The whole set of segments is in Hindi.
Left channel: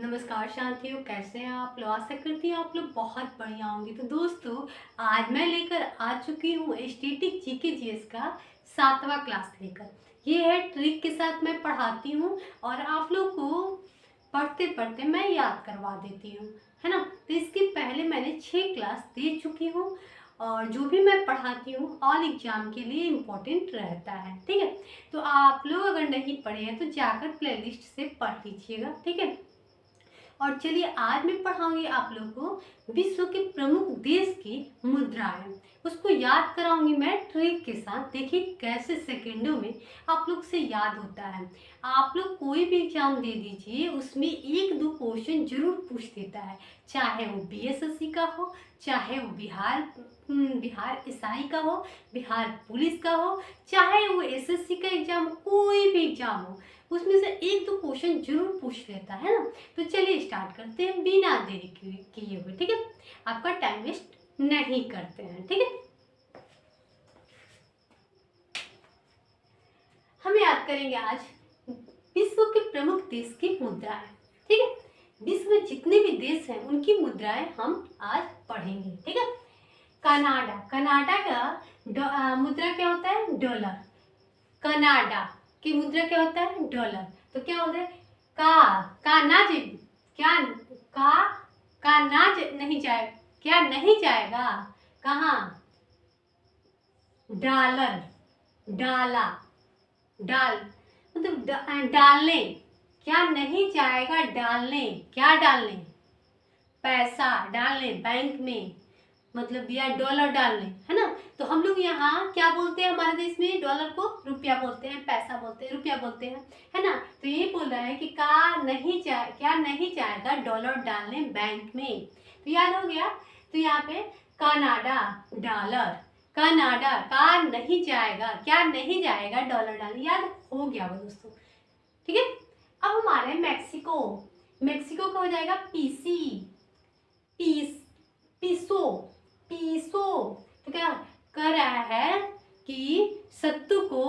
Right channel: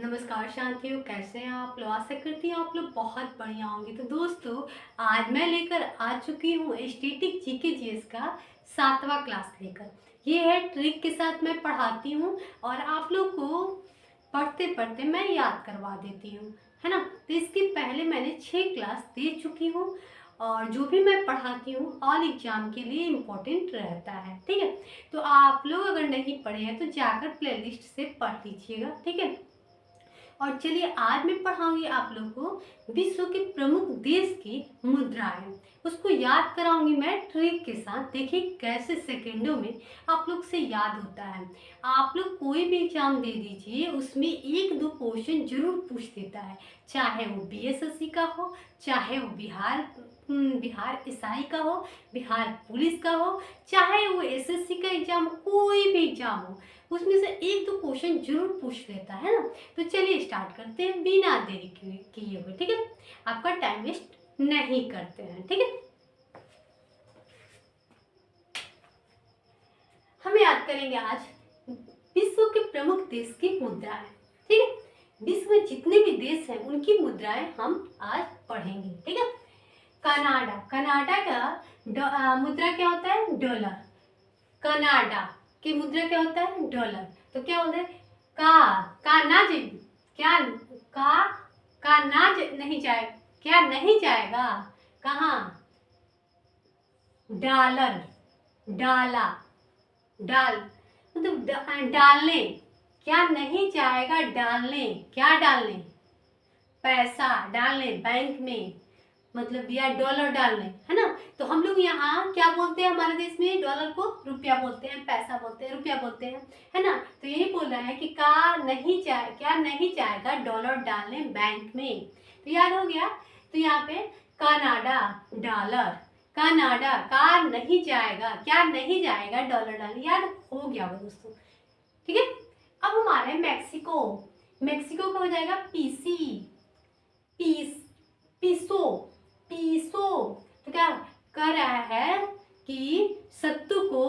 नमस्कार शांतियों, कैसे हैं आप लोग। आशा करती हूँ आप लोग बहुत बढ़िया होंगे। तो दोस्तों, आज मैं लेकर आ चुकी हूँ स्टैटिक जीके जीएस का 7वां क्लास लेकर। ये है ट्रिक के साथ मैं पढ़ाती हूँ और आप लोग को पढ़ते पढ़ते मैं याद करवा देती हूँ, है ना। तो इसके पहले मैंने 6 क्लास दे चुकी हूँ और जो भी मैं पढ़ाती हूँ ऑल एग्जाम के लिए इम्पोर्टेंट रहता है, ठीक है। तो आप लोग अगर नहीं पढ़े हैं तो जाकर प्लेलिस्ट से पढ़ लीजिएगा, ठीक है। और चलिए, आज मैं पढ़ाऊंगी आप लोग को विश्व के प्रमुख देश की मुद्राएं। उसको याद कराऊंगी मैं ट्रिक के साथ। देखिए कैसे सेकंडों में आप लोग से याद होता है। आप लोग कोई भी एग्जाम दे दीजिए, उसमें एक दो क्वेश्चन जरूर पूछ देता है, चाहे वो बीएसएससी का हो, चाहे वो बिहार एसआई का हो, बिहार पुलिस का हो, चाहे वो एसएससी का एग्जाम हो, कोई भी एग्जाम हो, उसमें से एक दो क्वेश्चन जरूर पूछ लेता है ना। तो चलिए स्टार्ट करते हैं बिना देरी किए हुए, ठीक है। आपका टाइम वेस्ट नहीं करते हैं, ठीक है। हम याद करेंगे आज विश्व के प्रमुख देश की मुद्राएं, ठीक है। विश्व में जितने भी देश हैं उनकी मुद्राएं हम आज पढ़ेंगे, ठीक है। कनाडा, कनाडा का मुद्रा क्या होता है? डॉलर। कनाडा की मुद्रा क्या होता है? डॉलर। तो क्या बोलते हैं? का नाज क्या का नाज नहीं जाए, क्या नहीं जाएगा? कहाँ? डॉलर, डाला, डाल मतलब डालने, क्या नहीं जाएगा? डालने, क्या डालने? पैसा डालने बैंक में, मतलब या डॉलर डालने, है ना। तो हम लोग यहाँ क्या बोलते हैं? हमारे देश में डॉलर को रुपया बोलते हैं, पैसा बोलते हैं, रुपया बोलते हैं, है ना। तो यही बोल रहा है कि क्या नहीं जाएगा डॉलर डालने बैंक में। तो याद हो गया। तो यहाँ पे कनाडा, डॉलर, कनाडा का नहीं जाएगा, क्या नहीं जाएगा डॉलर डालने, याद हो गया वो दोस्तों, ठीक है। अब हमारे मैक्सिको, मैक्सिको का हो जाएगा पीसी, पीस पीसो, पीसो। तो क्या कर रहा है कि सत्तू को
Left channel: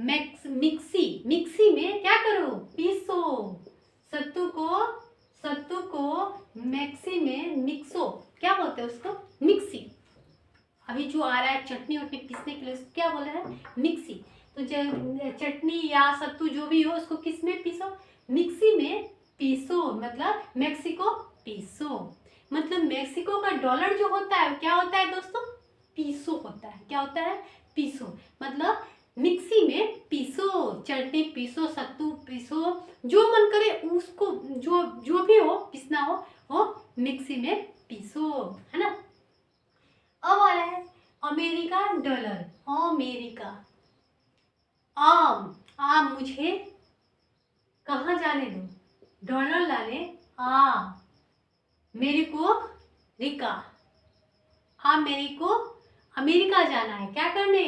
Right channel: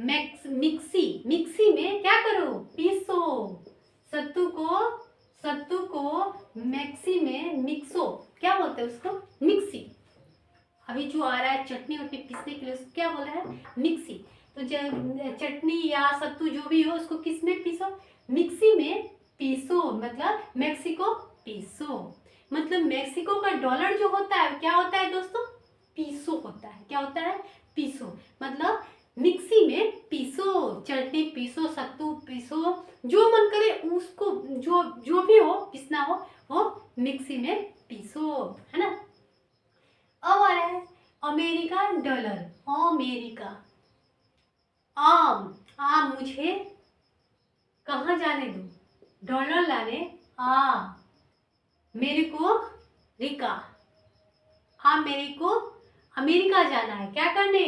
मिक्सी में क्या करो? पीसो। सत्तू को मिक्सी में मिक्सो, क्या बोलते हैं उसको? मिक्सी। अभी जो आ रहा है चटनी वटनी पीसने के लिए उसको क्या बोला है? मिक्सी। तो जब चटनी या सत्तू जो भी हो उसको किस में पीसो? मिक्सी में पीसो, मतलब मेक्सिको पीसो। मतलब मेक्सिको का डॉलर जो होता है क्या होता है दोस्तों? पीसो होता है। क्या होता है? पीसो। मतलब मिक्सी में पीसो, चटनी पीसो, सत्तू पीसो, जो मन करे उसको, जो जो भी हो पीसना हो वो मिक्सी में पीसो, है ना। अब आ रहा है अमेरिका डॉलर। अमेरिका, आम मुझे कहाँ जाने दो? डॉलर लाने मेरे को रिका, मेरे को अमेरिका जाना है, क्या करने?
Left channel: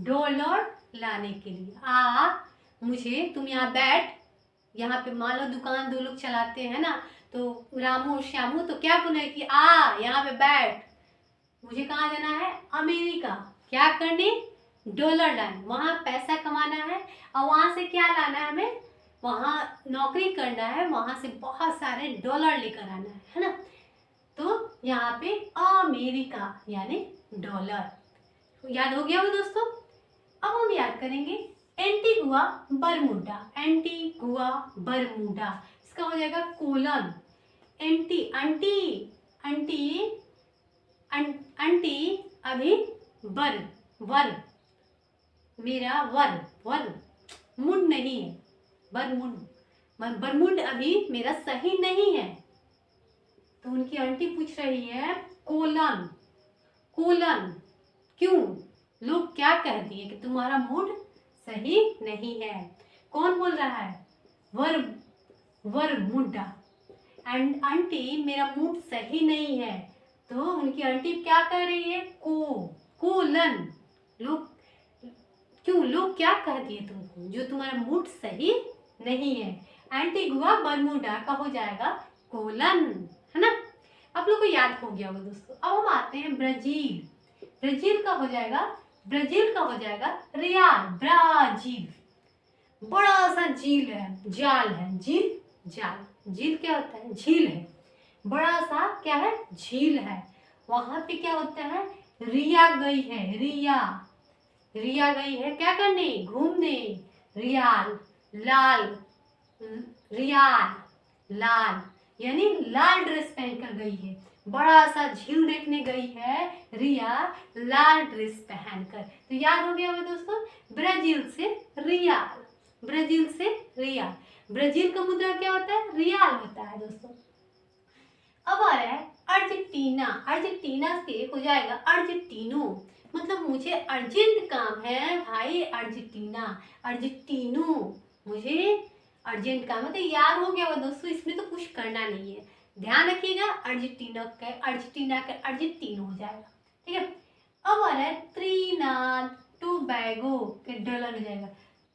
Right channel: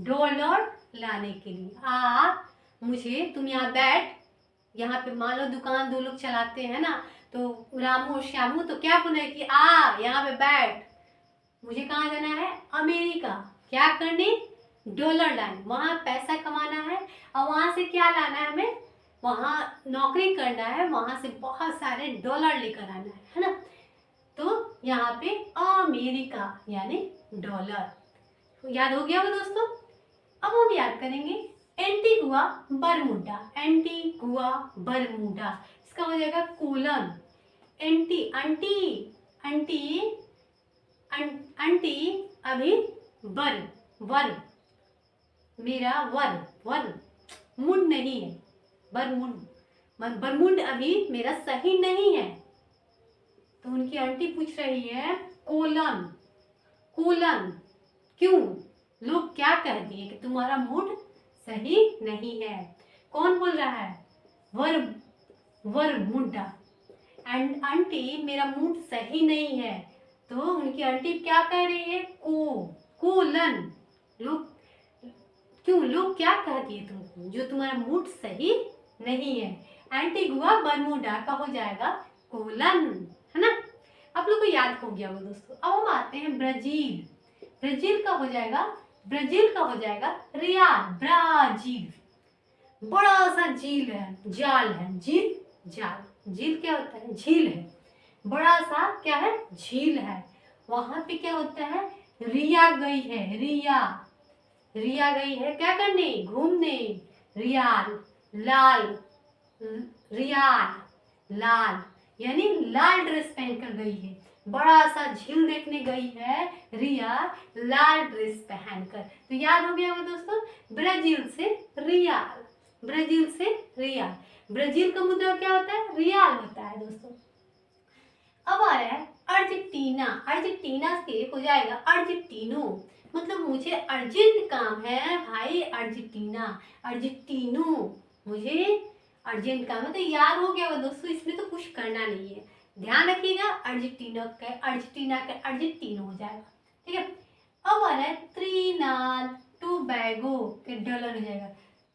डॉलर लाने के लिए। मुझे, तुम यहाँ बैठ, यहाँ पे मान लो दुकान दो लोग चलाते हैं ना, तो रामू और श्यामू तो क्या बोले कि यहाँ पे बैठ, मुझे कहाँ जाना है? अमेरिका, क्या करने? डॉलर लाने, वहां पैसा कमाना है और वहां से क्या लाना है हमें? वहां नौकरी करना है, वहां से बहुत सारे डॉलर लेकर आना है ना। तो यहाँ पे अमेरिका यानी डॉलर। याद हो गया वो दोस्तों। अब हम याद करेंगे एंटीगुआ बरमूडा, एंटीगुआ बरमूडा, इसका हो जाएगा colon. Anti aunty aunty aunty अभी वर वर, मेरा वर वर मुंड नहीं है, बरमुंड, बरमुंड अभी मेरा सही नहीं है। तो उनकी आंटी पूछ रही है कोलन, कोलन क्यों? लोग क्या कह दिए कि तुम्हारा मूड सही नहीं है। कौन बोल रहा है? वर वर मुड्डा। एंड आंटी मेरा मूड सही नहीं है। तो उनकी आंटी क्या कह रही है? कोलन, लोग क्यों, लोग क्या कह दिए तुमको जो तुम्हारा मूड सही नहीं है। एंटीगुआ बरमूडा का हो जाएगा कोलन, है ना। आप लोग को याद हो गया वो दोस्तों। अब हम आते हैं ब्राजील। ब्राजील का हो जाएगा, ब्राजील का हो जाएगा रियाल, ब्राजील। बड़ा सा झील है, जाल है, झील जाल, झील क्या होता है? झील है, बड़ा सा क्या है? झील है। वहां पे क्या होता है? रिया गई है, रिया, रिया गई है क्या करने? घूमने। रियाल, लाल, रियाल, लाल, यानी लाल ड्रेस पहनकर गई है। बड़ा सा झील देखने गई है रिया लाल ड्रेस पहनकर। तो याद हो गया होगा दोस्तों, ब्राजील से रियाल, ब्राजील से रियाल। ब्राजील का मुद्रा क्या होता है? रियाल होता है दोस्तों। अब आ रहा है अर्जेंटीना। अर्जेंटीना से हो जाएगा अर्जेंटीनो, मतलब मुझे अर्जेंट काम है भाई, अर्जेंटीना, अर्जेंटीनो, मुझे अर्जेंट काम है। तो याद हो गया होगा दोस्तों, इसमें तो कुछ करना नहीं है, ध्यान रखिएगा। अर्जेंटीना का अर्जेंटीनो हो जाएगा, ठीक है। अब आ रहा है त्रिनाद टोबैगो के डॉलर हो जाएगा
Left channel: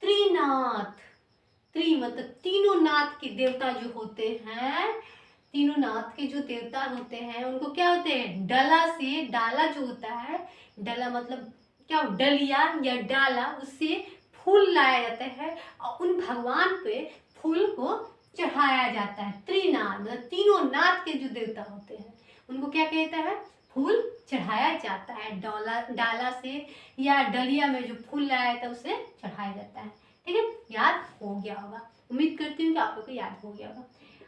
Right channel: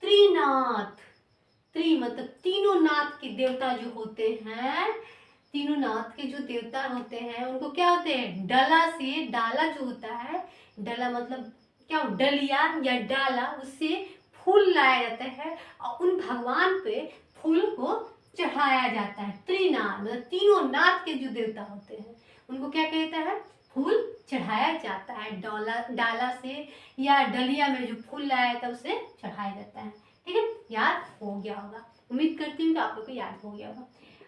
त्रिनाथ। त्रि मतलब तीनों नाथ के देवता जो होते हैं, तीनों नाथ के जो देवता होते हैं उनको क्या होते हैं? डला से, डाला जो होता है, डला मतलब क्या? डलिया या डाला, उससे फूल लाया जाता है और उन भगवान पे फूल को चढ़ाया जाता है। त्रिनाथ मतलब तीनों नाथ के जो देवता होते हैं उनको क्या कहता है? फूल चढ़ाया जाता है। डाला से या डलिया में जो फूल लाया जाता है उसे चढ़ाया जाता है, ठीक है। याद हो गया होगा, उम्मीद करती हूँ कि आप लोग को याद हो गया होगा।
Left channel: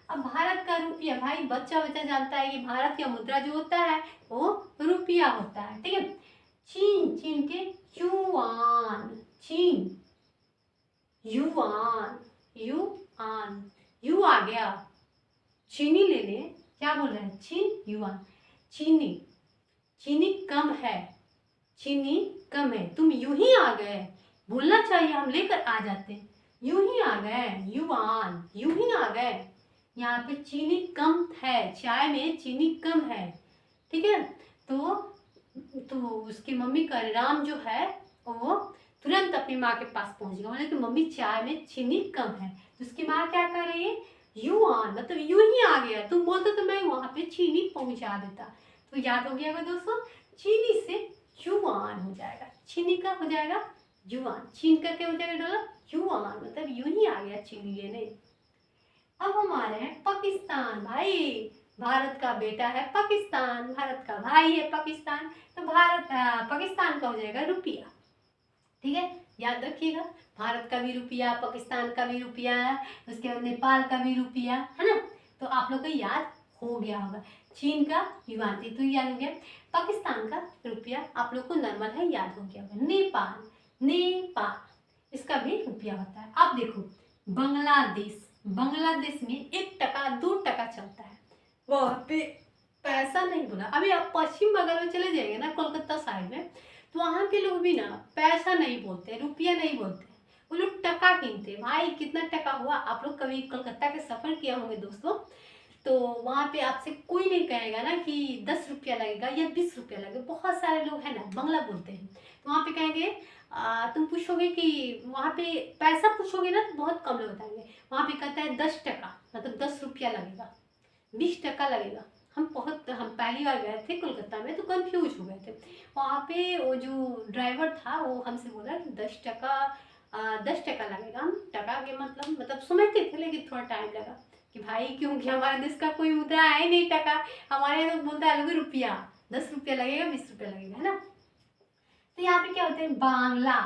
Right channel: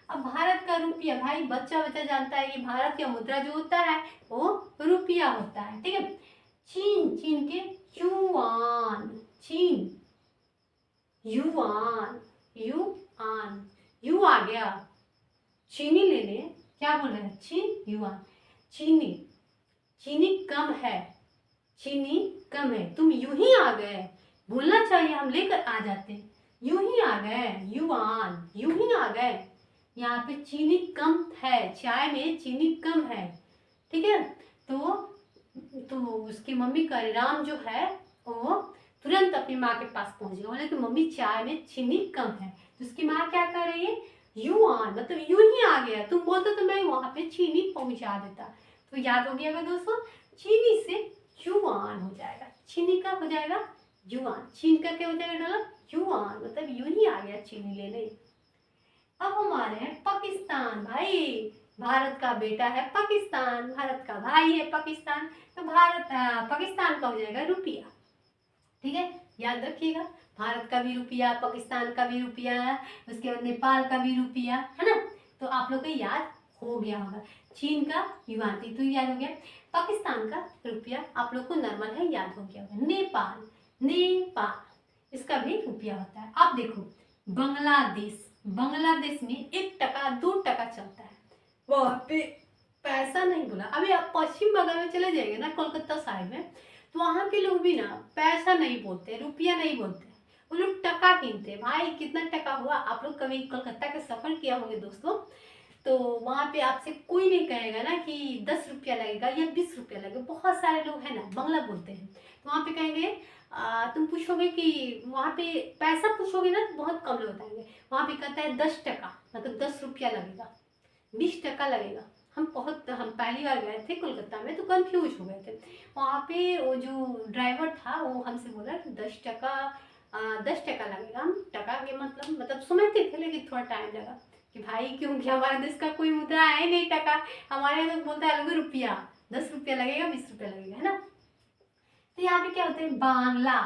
अब भारत का रुपया, भाई बच्चा बच्चा जानता है कि भारत का मुद्रा जो होता है वो रुपया होता है, ठीक है। चीन, चीन के युआन, चीन युआन, युआन, यू आ गया चीनी लेने, क्या बोल रहे हैं? चीन युआन। चीनी, चीनी कम है, चीनी कम है, तुम यूं ही आ गए, बोलना चाहिए हम लेकर आ जाते, यूं ही आ गए, युआन, यूं ही आ गए। यहाँ पे चीनी कम है, चाय में चीनी कम है, ठीक है। तो उसकी मम्मी का राम जो है वो तुरंत अपनी माँ के पास पहुंच गया, बोले कि मम्मी चाय में चीनी कम है। तो उसकी माँ क्या कर रही है? युआन मतलब यूं ही आ गया, तुम बोलते तो मैं वहां पे चीनी पहुंचा देता। तो याद हो गया दोस्तों, चीनी से युआन हो जाएगा, चीनी का हो जाएगा युआन, चीन का क्या हो जाएगा डॉलर? युआन मतलब यूं ही आ गया चीनी लेने। अब हम आ रहे हैं पाकिस्तान। भाई भारत का बेटा है पाकिस्तान, भारत का भाई है पाकिस्तान, तो पाकिस्तान का हो जाएगा रुपया, ठीक है। याद रखिएगा, भारत का भी रुपया, पाकिस्तान का भी रुपया, उसके बाद नेपाल का भी रुपया, है ना। तो आप लोग को याद हो गया होगा। चीन का युआन तो याद हो गया, पाकिस्तान का रुपया आप लोग को नॉर्मल है, याद हो गया होगा। नेपाल, नेपाल इसका भी रुपया होता है। अब देखो बांग्लादेश, बांग्लादेश में 1 टका 2 टका चलता है, वहाँ पे पैसा नहीं बोला। अभी आप पश्चिम बंगाल में चले जाएंगे ना, कोलकाता साइड में, तो वहाँ के लोग भी ना पैसा नहीं बोलते, रुपया नहीं बोलते, वो लोग टका गिनते। भाई कितना टका हुआ? आप लोग कभी कोलकाता के सफर किया होंगे दोस्तों, तो वहाँ पे आपसे कोई नहीं कहेगा ना कि 10 रुपया लगेगा या 20 रुपया लगेगा। बहुत सारे लोग हैं ना बंगला बोलते हैं, तो वहाँ पे कहेंगे तुम पूछोगे कि वहाँ पे पैसा पूछोगे ना तो बहुत कम लोग बताएंगे। वहाँ पे कहता है 10 टका मतलब 10 रुपया लगेगा, 20 टका लगेगा। हम पहली बार गए थे कोलकाता में तो कंफ्यूज हो गए थे। वहाँ पे वो जो ड्राइवर था वो हमसे बोला कि 10 टका 10 टका लगेगा। हम टका के मतलब समझते थे, लेकिन थोड़ा टाइम लगा कि भाई क्योंकि हमारे देश का कोई मुद्रा है नहीं टका, हमारे लोग बोलता है लोग रुपया, 10 रुपया लगेगा 20 रुपया लगेगा, है ना। तो यहाँ पे क्या होता है? बांग्ला,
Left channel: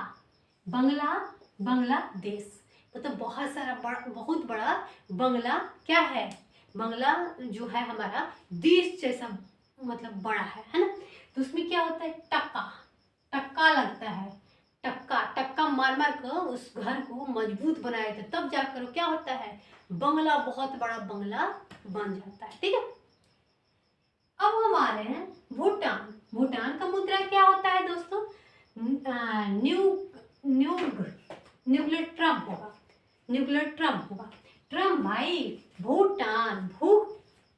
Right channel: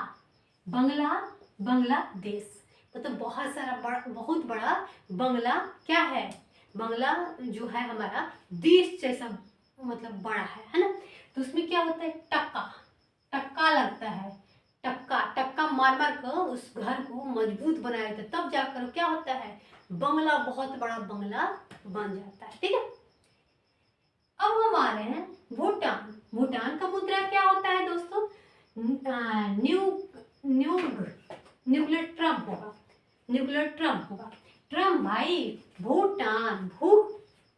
बंगला, बांग्लादेश मतलब बहुत बड़ा बंगला क्या है? बंगला जो है हमारा देश जैसा मतलब बड़ा है ना। तो उसमें क्या होता है? टक्का, टक्का लगता है, टक्का टक्का मार मार कर उस घर को मजबूत बनाया जाता है, तब जाकर क्या होता है? बंगला, बहुत बड़ा बंगला बन जाता है, ठीक है। अब हम आ रहे हैं भूटान। भूटान का मुद्रा क्या होता है दोस्तों? न्यू न्यू न्यूक्लियर ट्रम्प होगा, न्यूक्लियर ट्रम्प होगा। ट्रम्प भाई, भूटान, भू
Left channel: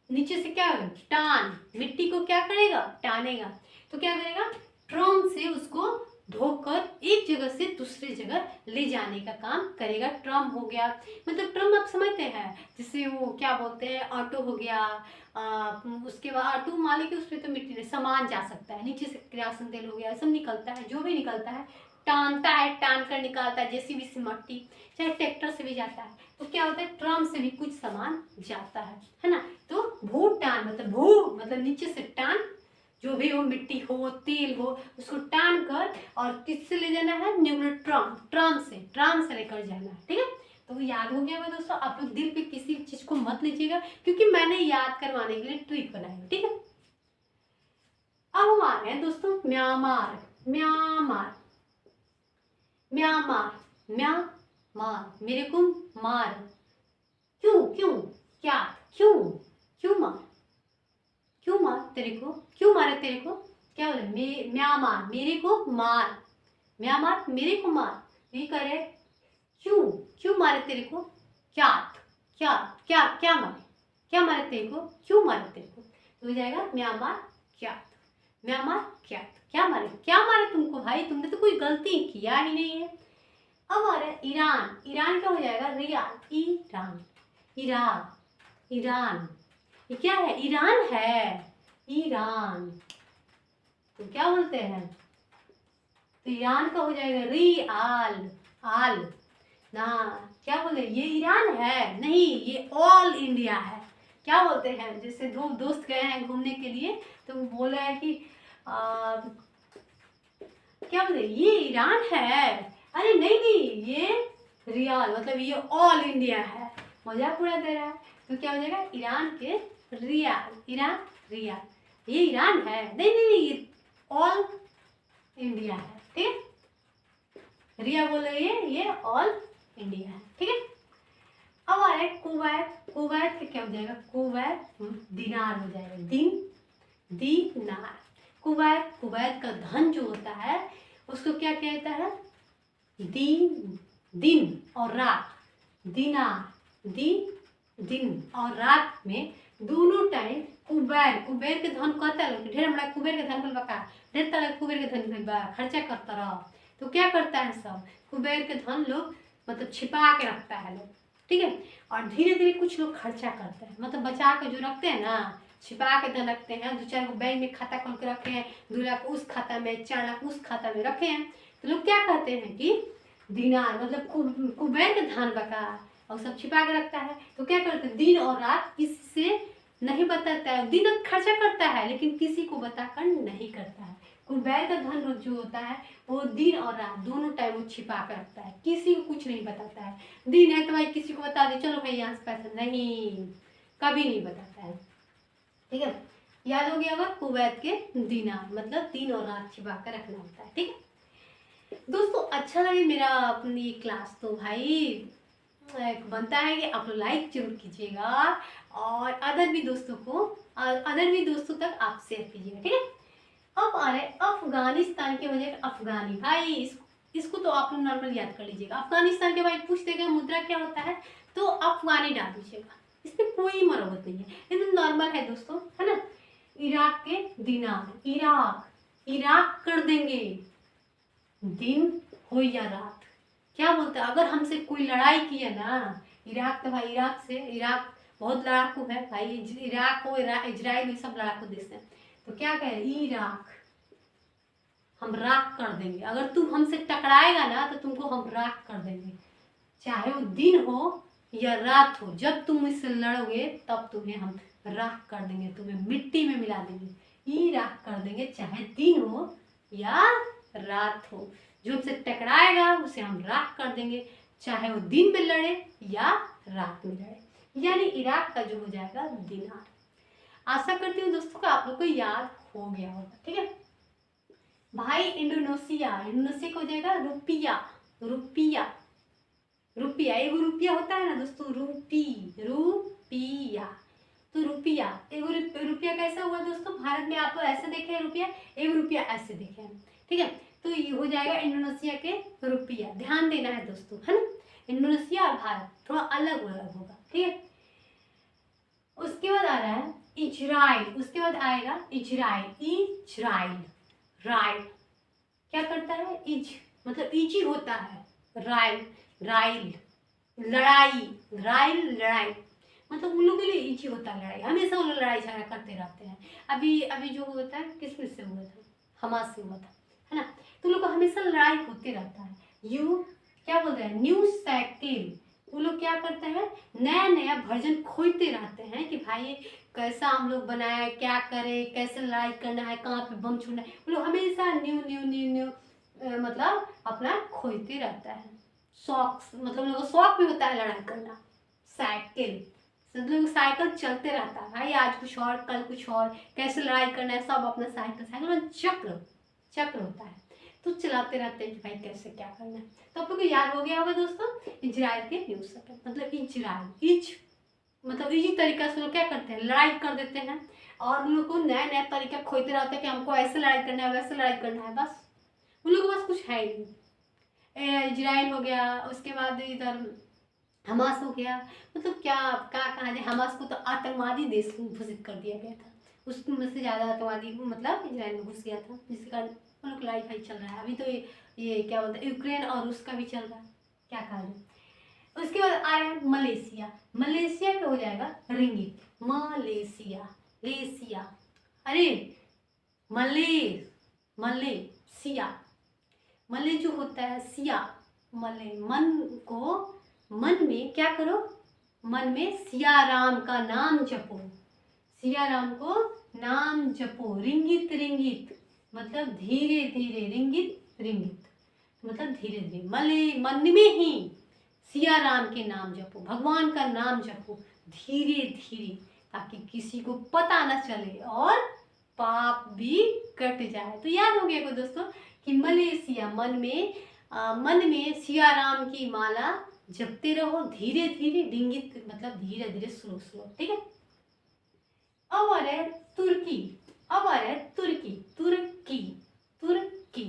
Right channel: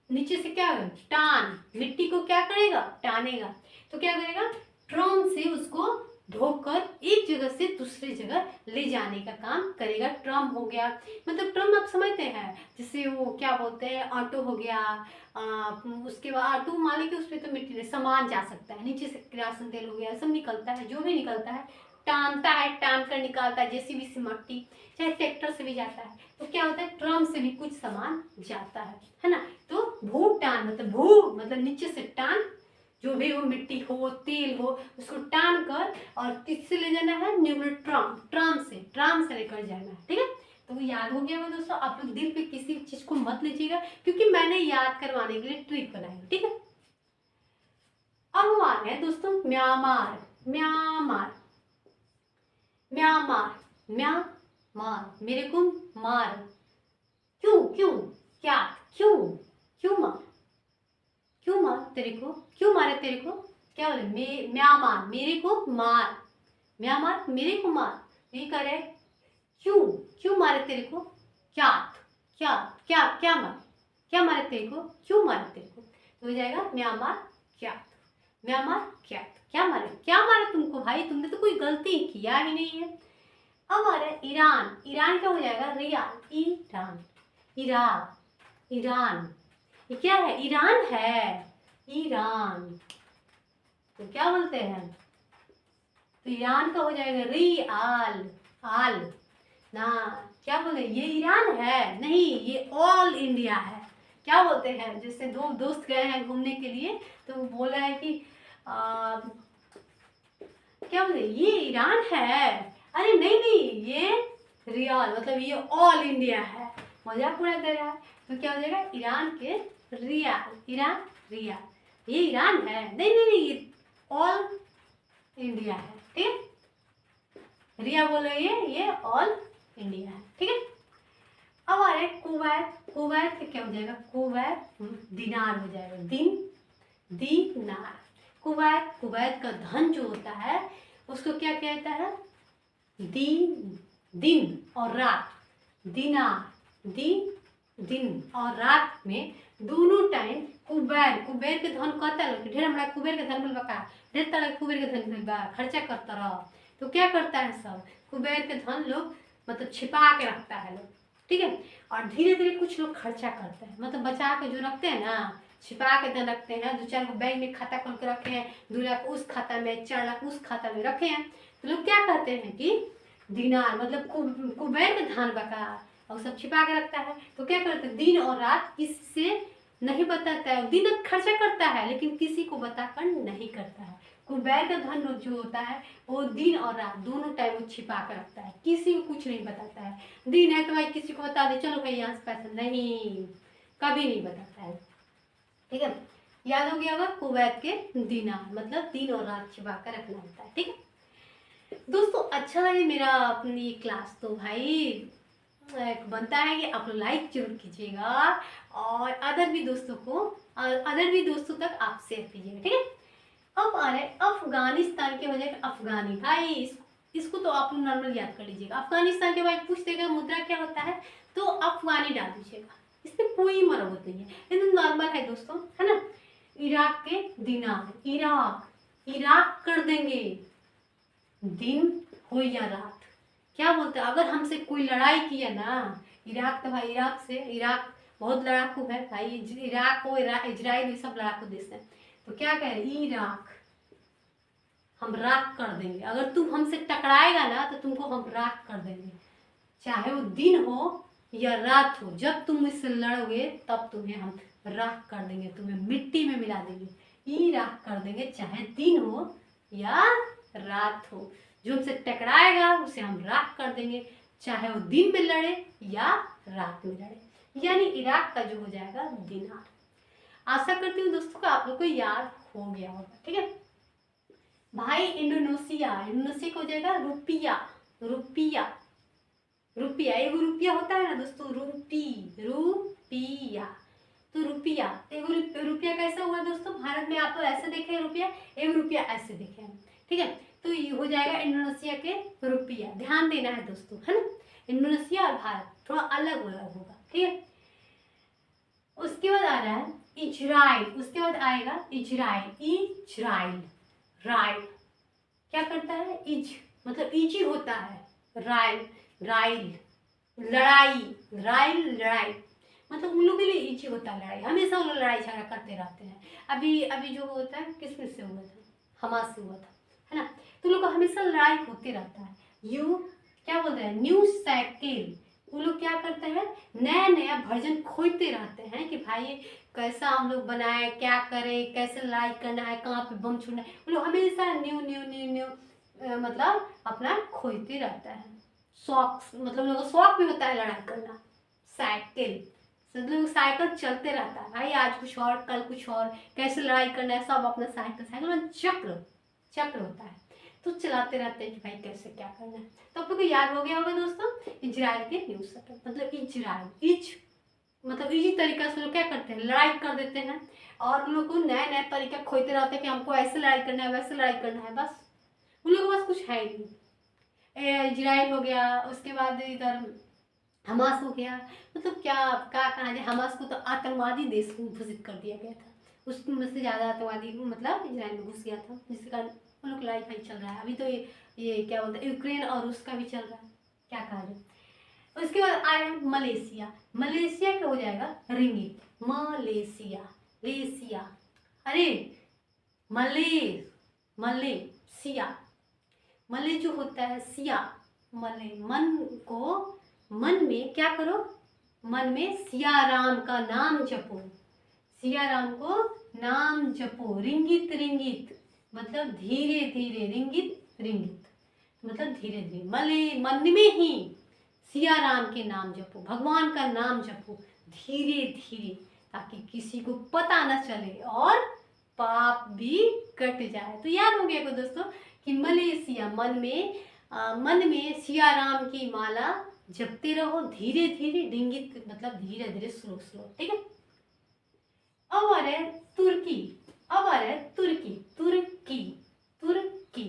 नीचे से क्या होगा? टान, मिट्टी को क्या करेगा? टानेगा। तो क्या करेगा? ट्रम्प से उसको ढोकर एक जगह से दूसरी जगह ले जाने का काम करेगा। ट्रम्प हो गया मतलब ट्रम्प आप समझते हैं, जैसे वो क्या बोलते हैं, ऑटो हो गया, उसके बाद ऑटो मालिक है, उस पर तो मिट्टी नहीं सामान जा सकता है, नीचे से किरासन तेल हो गया, सब निकलता है, जो भी निकलता है टानता है, टान कर निकालता है, जेसीबी से मट्टी, चाहे ट्रैक्टर से भी जाता है, तो क्या होता है, ट्रम से भी कुछ सामान जाता है ना। तो भूटान मतलब भू मतलब नीचे से टान, जो भी हो, मिट्टी हो, तेल हो, उसको टान कर और किससे ले जाना है, न्यूक्लियर ट्रम, ट्राम से लेकर जाना है, ठीक है। तो याद हो गया दोस्तों। आप लोग दिल पे किसी चीज को मत लीजिएगा, क्योंकि मैंने याद करवाने के लिए ट्रिक बनाई है, ठीक है। अब हम आ रहे हैं दोस्तों म्यांमार। म्यांमार, म्यांमार, म्यांमार, मेरे को मार, क्यों क्यों, क्या, क्यों, क्यों मार, क्यों मार तेरे को, क्यों मारे तेरे को, क्या बोले, म्यांमार मेरे को मार, म्यांमार मेरे को मार, ये कह रहे क्यों, क्यों मारे तेरे को, क्या, क्या क्या क्या मारे, क्या मारे तेरे को, क्यों मारे तेरे को, तो हो जाएगा म्यांमार क्या, म्यांमार क्या मारे, क्या मारे तुमको भाई, तुमने तो कोई गलती किया ही नहीं है। अब आ रहा है ईरान। ईरान क्या हो जाएगा, रियाल, ईरान, ईरान, ईरान, ये क्या है, ईरान है, ईरान, तो क्या बोलते हैं, तो ईरान का हो जाएगा रियाल, आल ना, क्या बोले, ये ईरान है नहीं, ये ऑल इंडिया है। क्या बोलते हैं, जैसे दो दोस्त गए हैं घूमने के लिए, तो वो बोल रहे हैं कि क्या बोले, ये ईरान है, अरे नहीं नहीं, ये रियाल मतलब ये ऑल इंडिया है, मजाक उड़ा दे रहा है। तो क्या हो जाएगा, ईरान के रियाल, ईरान रियाल, ये ईरान है, नहीं नहीं नहीं, ये ऑल इंडिया है, ठीक है। रिया बोले ये ऑल इंडिया है, ठीक है। अब आ रहे कुवैत। कुवैत क्या हो जाएगा, कुवैत दिनार हो जाएगा, दिनार। कुवैत, कुवैत का धन जो होता है उसको क्या कहता है, दिन और रात, दिनार, दिन और रात में दोनों टाइम कुबेर के धन कहता है, ढेर हमारा कुबेर के धन बका, ढेर तरह कुबेर के धन खर्चा करता रहो, तो क्या करता है सब, कुबेर के धन लोग मतलब छिपा के रखता है लोग, ठीक है। और धीरे धीरे कुछ लोग खर्चा करते हैं, मतलब बचा के जो रखते हैं ना, छिपा के धन रखते हैं, 2-4 को बैंक में खाता खोल के रखे हैं, 2 लाख उस खाता में, 4 लाख उस खाता में रखे हैं, तो लोग क्या कहते हैं कि दिनार मतलब कुबेर के धन बका, और सब छिपा के रखता है। तो क्या करते हैं, दिन और रात किससे नहीं बताता है, दिन खर्चा करता है लेकिन किसी को बताकर नहीं करता है। कुबेर का धन जो होता है वो दिन और रात दोनों टाइम वो छिपा कर रखता है, किसी को कुछ नहीं बताता है। दिन है तो भाई किसी को बता दे, चलो भाई यहाँ से पैसा, नहीं, कभी नहीं बताता है, ठीक है। याद हो गया होगा, कुवैत के दिनार मतलब दिन और रात छिपा कर रखना होता है, ठीक है दोस्तों। अच्छा है मेरा अपनी क्लास, तो भाई बनता है कि आप लाइक जरूर कीजिएगा और अदर भी दोस्तों तक आप शेयर कीजिएगा, ठीक है। अब आ रहे अफगानिस्तान के वजह अफगानी, भाई इसको तो आप नॉर्मल याद कर लीजिएगा। अफगानिस्तान के भाई पूछ देगा मुद्रा क्या होता है, तो अफगानी डाल दीजिएगा, इसमें कोई मरम्मत नहीं है, एकदम नॉर्मल है दोस्तों, है ना। इराक के दिनार, इराक कर देंगे, दिन हो या रात, क्या बोलते हैं, अगर हमसे कोई लड़ाई किया ना, इराक तो भाई इराक बहुत लड़ाकू है भाई, इराक हो इजराइल सब लड़ाकू देश है, तो क्या कहे, इराक हम राख कर देंगे, अगर तुम हमसे टकराएगा ना तो तुमको हम राख कर देंगे, चाहे वो दिन हो या रात हो, जब तुम इससे लड़ोगे तब तुम्हें हम राख कर देंगे, तुम्हें मिट्टी में मिला देंगे, ई राख कर देंगे, चाहे दिन हो या रात हो, जो हमसे टकराएगा उसे हम राख कर देंगे, चाहे वो दिन में लड़े या रात में लड़े, यानी इराक का जो हो जाएगा दिनार। आशा करती हूँ दोस्तों को आप लोग को याद हो गया होगा, ठीक है भाई। इंडोनेशिया को हो जाएगा रुपया, एगो रुपया होता है ना दोस्तों, रुपया, तो रुपया एगो रुपया कैसा हुआ दोस्तों, भारत में आप लोग ऐसे देखे हैं रुपया, एगो रुपया ऐसे देखे हैं, ठीक है। तो ये हो जाएगा इंडोनेशिया के रुपया, ध्यान देना है दोस्तों, है ना। इंडोनेशिया और भारत थोड़ा अलग होगा, ठीक है। उसके बाद आ रहा है इजराइल, उसके बाद आएगा इजराइल, राइल क्या करता है, इज मतलब इजी होता है, राइल लड़ाई मतलब उन लोगों के लिए इजी होता है लड़ाई, हमेशा उन लोग लड़ाई झगड़ा करते रहते हैं। अभी जो होता है किस से हुआ था, हमास से हुआ था, है ना। तो लोग का हमेशा लड़ाई होते रहता है। यू क्या बोलते हैं, न्यू साइकिल, वो लोग क्या करते हैं, नया नया वर्जन खोजते रहते हैं कि भाई कैसा हम लोग बनाए, क्या करें, कैसे लड़ाई करना है, कहाँ पे बम छोड़ना है, वो लोग हमेशा न्यू न्यू न्यू न्यू मतलब अपना खोजते रहता है। शौक मतलब लोगों को शौक भी होता है लड़ाई करना। साइकिल मतलब साइकिल चलते रहता है भाई, आज कुछ और कल कुछ और, कैसे लड़ाई करना है, सब अपना साइकिल साइकिल में चक्र चक्र होता है, तो चलाते रहते हैं कि भाई कैसे क्या करना है। तो आप लोग को याद हो गया होगा दोस्तों इजराइल के न्यूज सेक्टर, मतलब इजराइल इज मतलब इजी तरीका से लोग क्या करते हैं, लड़ाई कर देते हैं, और उन लोग को नया नया तरीका खोजते रहते हैं कि हमको ऐसे लड़ाई करना है, वैसे लड़ाई करना है, बस उन लोगों के पास कुछ है ही नहीं। इजराइल हो गया, उसके बाद इधर हमास हो गया, मतलब क्या कहा जाए, हमास को तो आतंकवादी देश घोषित कर दिया गया था, उसमें से ज़्यादा आतंकवादी मतलब इजराइल में घुस गया था, जिसके कारण उन लोग लड़ाई भाई चल रहा है अभी। तो ये क्या बोलते हैं, यूक्रेन और रूस का भी चल रहा है, क्या कहा जाए। उसके बाद आया मलेशिया, मलेशिया का हो जाएगा रिंगिट, मलेशिया लेशिया, अरे मले मलेशिया, मले जो होता है सिया, मले मन को, मन में क्या करो, मन में सिया राम का नाम जपो, सिया राम को नाम जपो, रिंगित रिंगित मतलब धीरे धीरे, रिंगित रिंगित मतलब धीरे धीरे, मले मन में ही सिया राम के नाम जपो, भगवान का नाम जपो धीरे धीरे, ताकि किसी को पता न चले और पाप भी कट जाए। तो याद हो गया को दोस्तों कि मलेशिया मन में सिया राम की माला जपते रहो धीरे धीरे, डिंगित मतलब धीरे धीरे स्लो स्लो, ठीक है। अब आ रहा है तुर्की, अब आ रहा है तुर्की, तुर्की तुर्की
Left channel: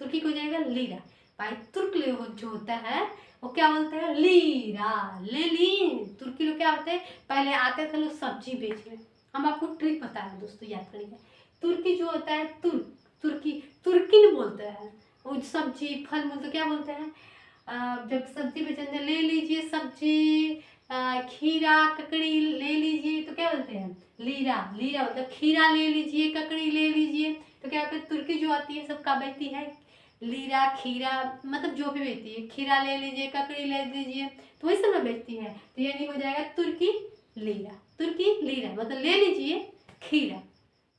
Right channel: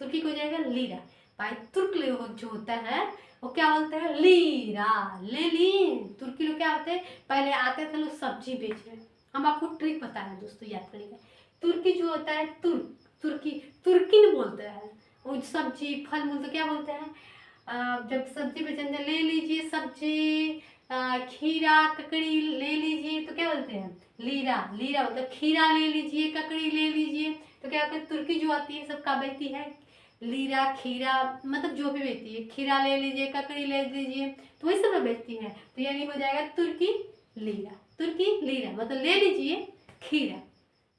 तुर्की को हो जाएगा लीरा, भाई तुर्क लोग जो होता है वो क्या बोलते हैं, लीरा ले ली। तुर्की लोग क्या होते हैं, पहले आते थे लोग सब्जी बेचने, हम आपको ट्रिक बता रहे हैं दोस्तों, याद करेंगे। तुर्की जो होता है तुर्की तुर्किन बोलते हैं, वो सब्जी फल मूल तो क्या बोलते हैं, जब सब्जी बेचने ले लीजिए सब्जी, खीरा ककड़ी ले लीजिए तो क्या बोलते हैं, लीरा, लीरा मतलब खीरा ले लीजिए, ककड़ी ले लीजिए, तो क्या होता है, तुर्की जो आती है सबका बेचती है, लीरा खीरा मतलब जो भी बेचती है, खीरा ले लीजिए, ककड़ी ले लीजिए, तो वही सब बेचती है, तो यानी हो जाएगा तुर्की लीरा, तुर्की लीरा मतलब ले लीजिए खीरा,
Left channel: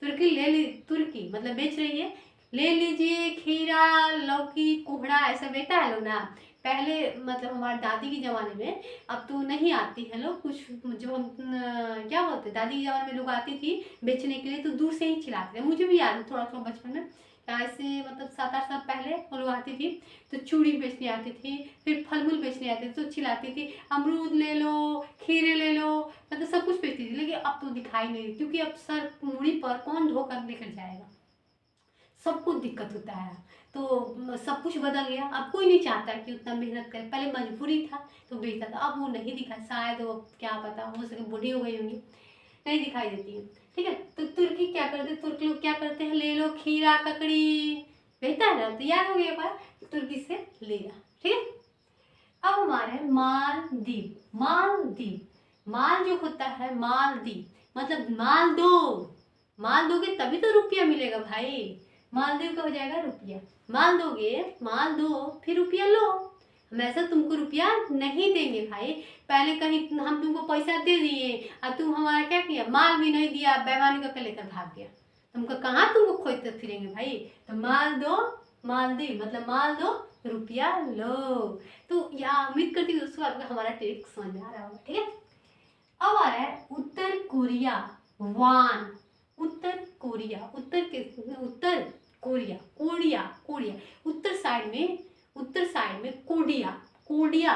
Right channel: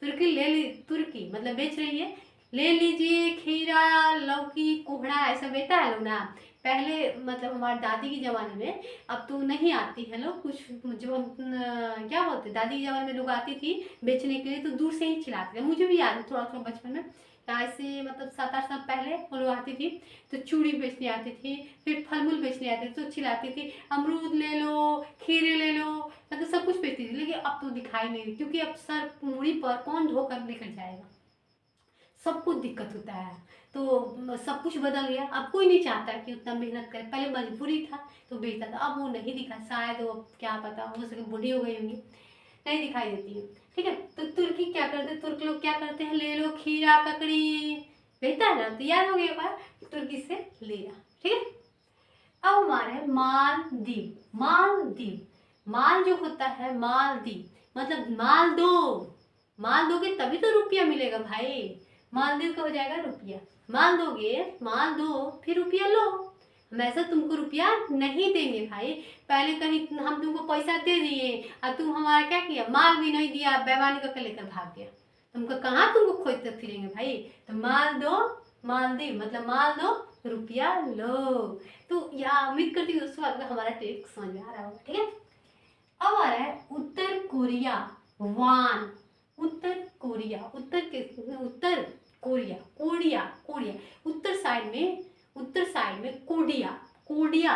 तुर्की ले ली, तुर्की मतलब बेच रही है, ले लीजिए खीरा लौकी कोहड़ा ऐसा बेचता है लोग ना, पहले मतलब हमारे दादी के ज़माने में, अब तो नहीं आती है लोग, कुछ जो क्या बोलते हैं, दादी के ज़माने में लोग आती थी बेचने के लिए, तो दूर से ही खिलाते थे, मुझे भी याद है थोड़ा थोड़ा बचपन में, ऐसे मतलब 7-8 साल पहले वो लोग आती थी, तो चूड़ी बेचने आती थी, फिर फल मूल बेचने आती थी, तो खिलाती थी, अमरूद ले लो, खीरे ले लो, मतलब सब कुछ बेचती थी, लेकिन अब तो दिखाई नहीं, क्योंकि अब सर मूड़ी पर कौन ढोकर लेकर जाएगा, सब कुछ दिक्कत होता है, तो सब कुछ बदल गया, अब कोई नहीं चाहता कि उतना मेहनत करे, पहले मजबूरी था तो बेचता था, अब वो नहीं दिखा, शायद वो क्या पता, हो सके बूढ़ी हो गई होंगी, नहीं दिखाई देती है, ठीक है। तो तुर्की क्या करते हैं, तुर्क लोग क्या करते हैं, ले लो खीरा ककड़ी, बेचता है ना, तो याद हो गया तुर्की से लिया, ठीक है। अब हमारा है मालदीव, मालदीव माल जो होता है, मालदीव मतलब माल दो, माल दोगे तभी तो रुपया मिलेगा भाई, मालदीव का हो जाएगा रुपया, माल दोगे, माल दो फिर रुपया लो, हम ऐसा तुमको रुपया नहीं देंगे भाई, पहले कहीं हम तुमको पैसा दे दिए और तुम हमारा क्या किया, माल भी नहीं दिया, बेईमानी करके लेकर भाग गया, तुमको कहाँ तुमको खोजते फिरेंगे भाई, तो माल दो, मालदीव मतलब माल दो रुपया लो। तो यहाँ उम्मीद करती हूँ दोस्तों आपको हमारा ट्रिक समझ में आ रहा होगा, ठीक है। अब आ रहा है उत्तर कोरिया, वान, उत्तर कोरिया, उत्तर कोरिया, कोरिया कोरिया, उत्तर साइड में कोडिया, कोडिया,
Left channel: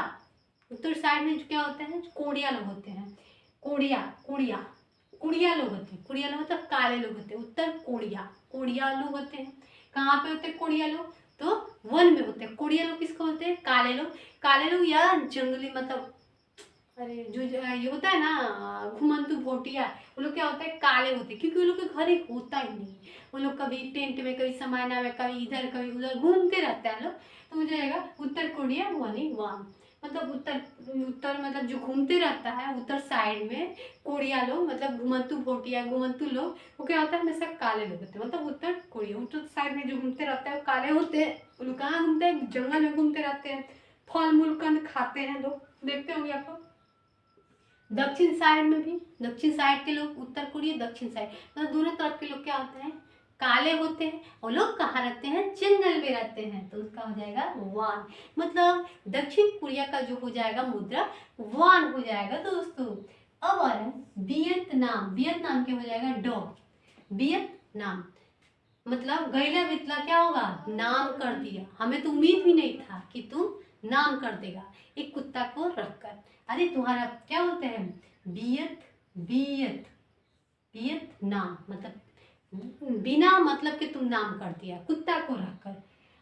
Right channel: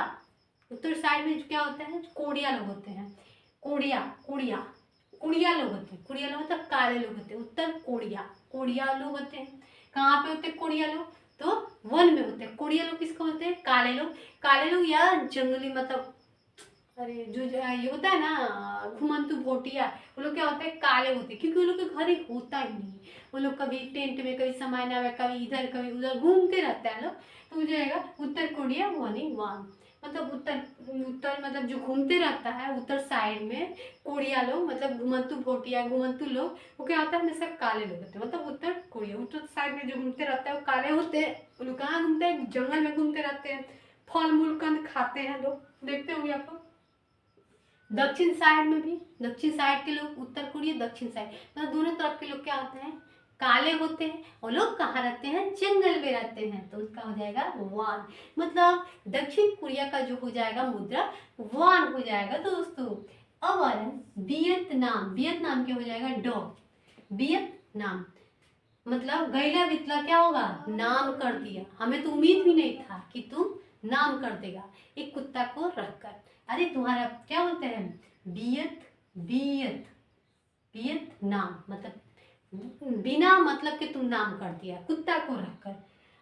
उत्तर साइड में क्या होता है, कोडिया लोग होते हैं, कोडिया कोडिया कुड़िया लोग होते हैं, कुड़िया लोग मतलब काले लोग होते हैं, उत्तर कोरिया कोरिया लोग होते हैं, कहाँ पे होते हैं कोरिया लोग, तो वन में होते हैं, कोरिया लोग किसको होते हैं, काले लोग, काले लोग या जंगली मतलब, अरे जो ये होता है ना घुमंतु भोटिया, वो लोग क्या होता है, काले होते हैं, क्योंकि वो लोग के घर एक होता ही नहीं, वो लोग कभी टेंट में, कभी समाना में, कभी इधर कभी उधर घूमते रहता है लोग, तो हो जाएगा उत्तर कोरिया 1 1, मतलब उत्तर उत्तर मतलब जो घूमते रहता है उत्तर साइड में, कोरिया लोग मतलब घुमंतु भोटिया घुमंतु लोग, वो क्या होता है हमेशा काले लोग होते हैं। मतलब उत्तर कोरिया उत्तर साइड में जो घूमते रहता है वो काले होते हैं। वो लोग कहाँ घूमते हैं? जंगल में घूमते रहते हैं, फल मूल कंद खाते हैं लोग, देखते होंगे आप लोग। दक्षिण साइड में भी, दक्षिण साइड के लोग, उत्तर कोरिया दक्षिण साइड, मतलब दोनों तरफ के लोग क्या होते हैं? काले होते हैं। और लोग कहाँ रहते हैं? जंगल में रहते हैं। तो उसका हो जाएगा वान। मतलब दक्षिण कोरिया का जो हो जाएगा मुद्रा वान हो जाएगा। तो दोस्तों अब आ रहा है वियतनाम। वियतनाम क्या हो जाएगा? डॉ। वियतनाम मतलब गैला बितला क्या होगा? नाम कर दिया। हमें तो उम्मीद भी नहीं था कि तुम नाम कर देगा एक कुत्ता को रखकर। अरे तुम्हारा क्या बोलते हैं? बियत बियत वियतनाम मतलब बिना मतलब कि तुम नाम कर दिया कुत्ता को रखकर।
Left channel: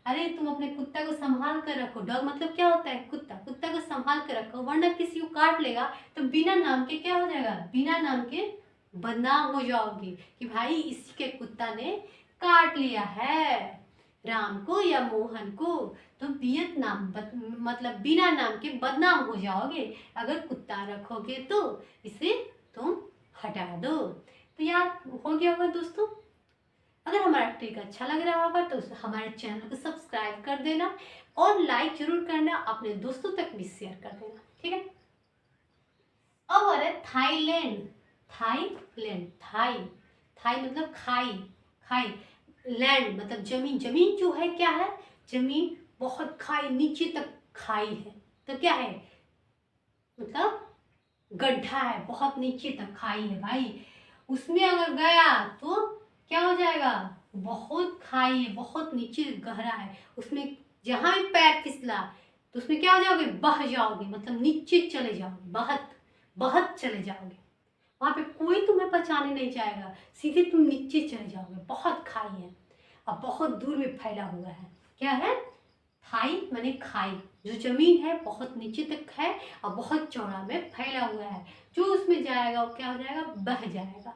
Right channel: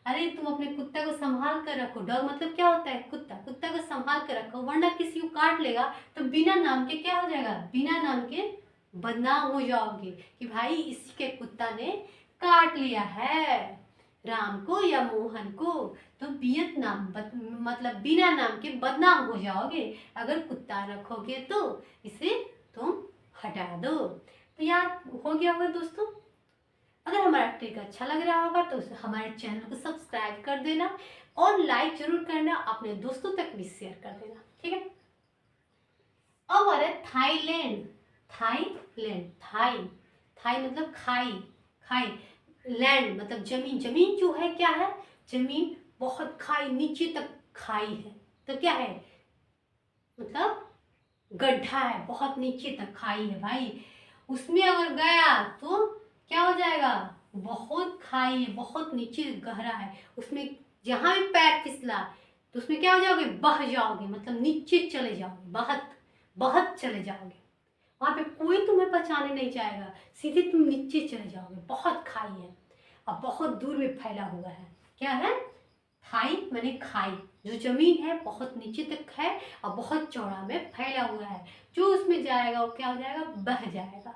अरे तुम अपने कुत्ता को संभाल कर रखो। डॉग मतलब क्या होता है? कुत्ता। कुत्ता को संभाल कर रखो, वरना किसी को काट लेगा तो बिना नाम के क्या हो जाएगा? बिना नाम के बदनाम हो जाओगे कि भाई इसके कुत्ता ने काट लिया है राम को या मोहन को। तो वियतनाम मतलब बिना नाम के बदनाम हो जाओगे अगर कुत्ता रखोगे तो। इसे तुम हटा दो। तो याद हो गया होगा दोस्तों। अगर हमारा ट्रिक अच्छा लग रहा होगा तो हमारे चैनल को सब्सक्राइब कर देना और लाइक जरूर करना, अपने दोस्तों तक भी शेयर कर देना, ठीक है। अब आ रहा है थाईलैंड। थाईलैंड थाई थाई मतलब खाई, खाई लैंड मतलब जमीन। जमीन जो है क्या है? जमीन बहुत खाई, नीचे तक खाई है। तो क्या है? मतलब गड्ढा है, बहुत नीचे तक खाई है भाई। उसमें अगर गया तो क्या हो जाएगा? बहुत खाई है, बहुत नीचे गहरा है उसमें। जहां भी पैर फिसला तो उसमें क्या हो जाओगे? बह जाओगे, मतलब नीचे चले जाओगे, बहत बहत चले जाओगे। वहां पे कोई तुम्हें बचाने नहीं जाएगा, सीधे तुम नीचे चले जाओगे। बहुत खाई है और बहुत दूर में फैला हुआ है। क्या है? खाई माने खाई, जो जमीन है बहुत नीचे तक है और बहुत चौड़ा में फैला हुआ है। जो उसमें जाएगा वो क्या हो जाएगा? बह जाएगा,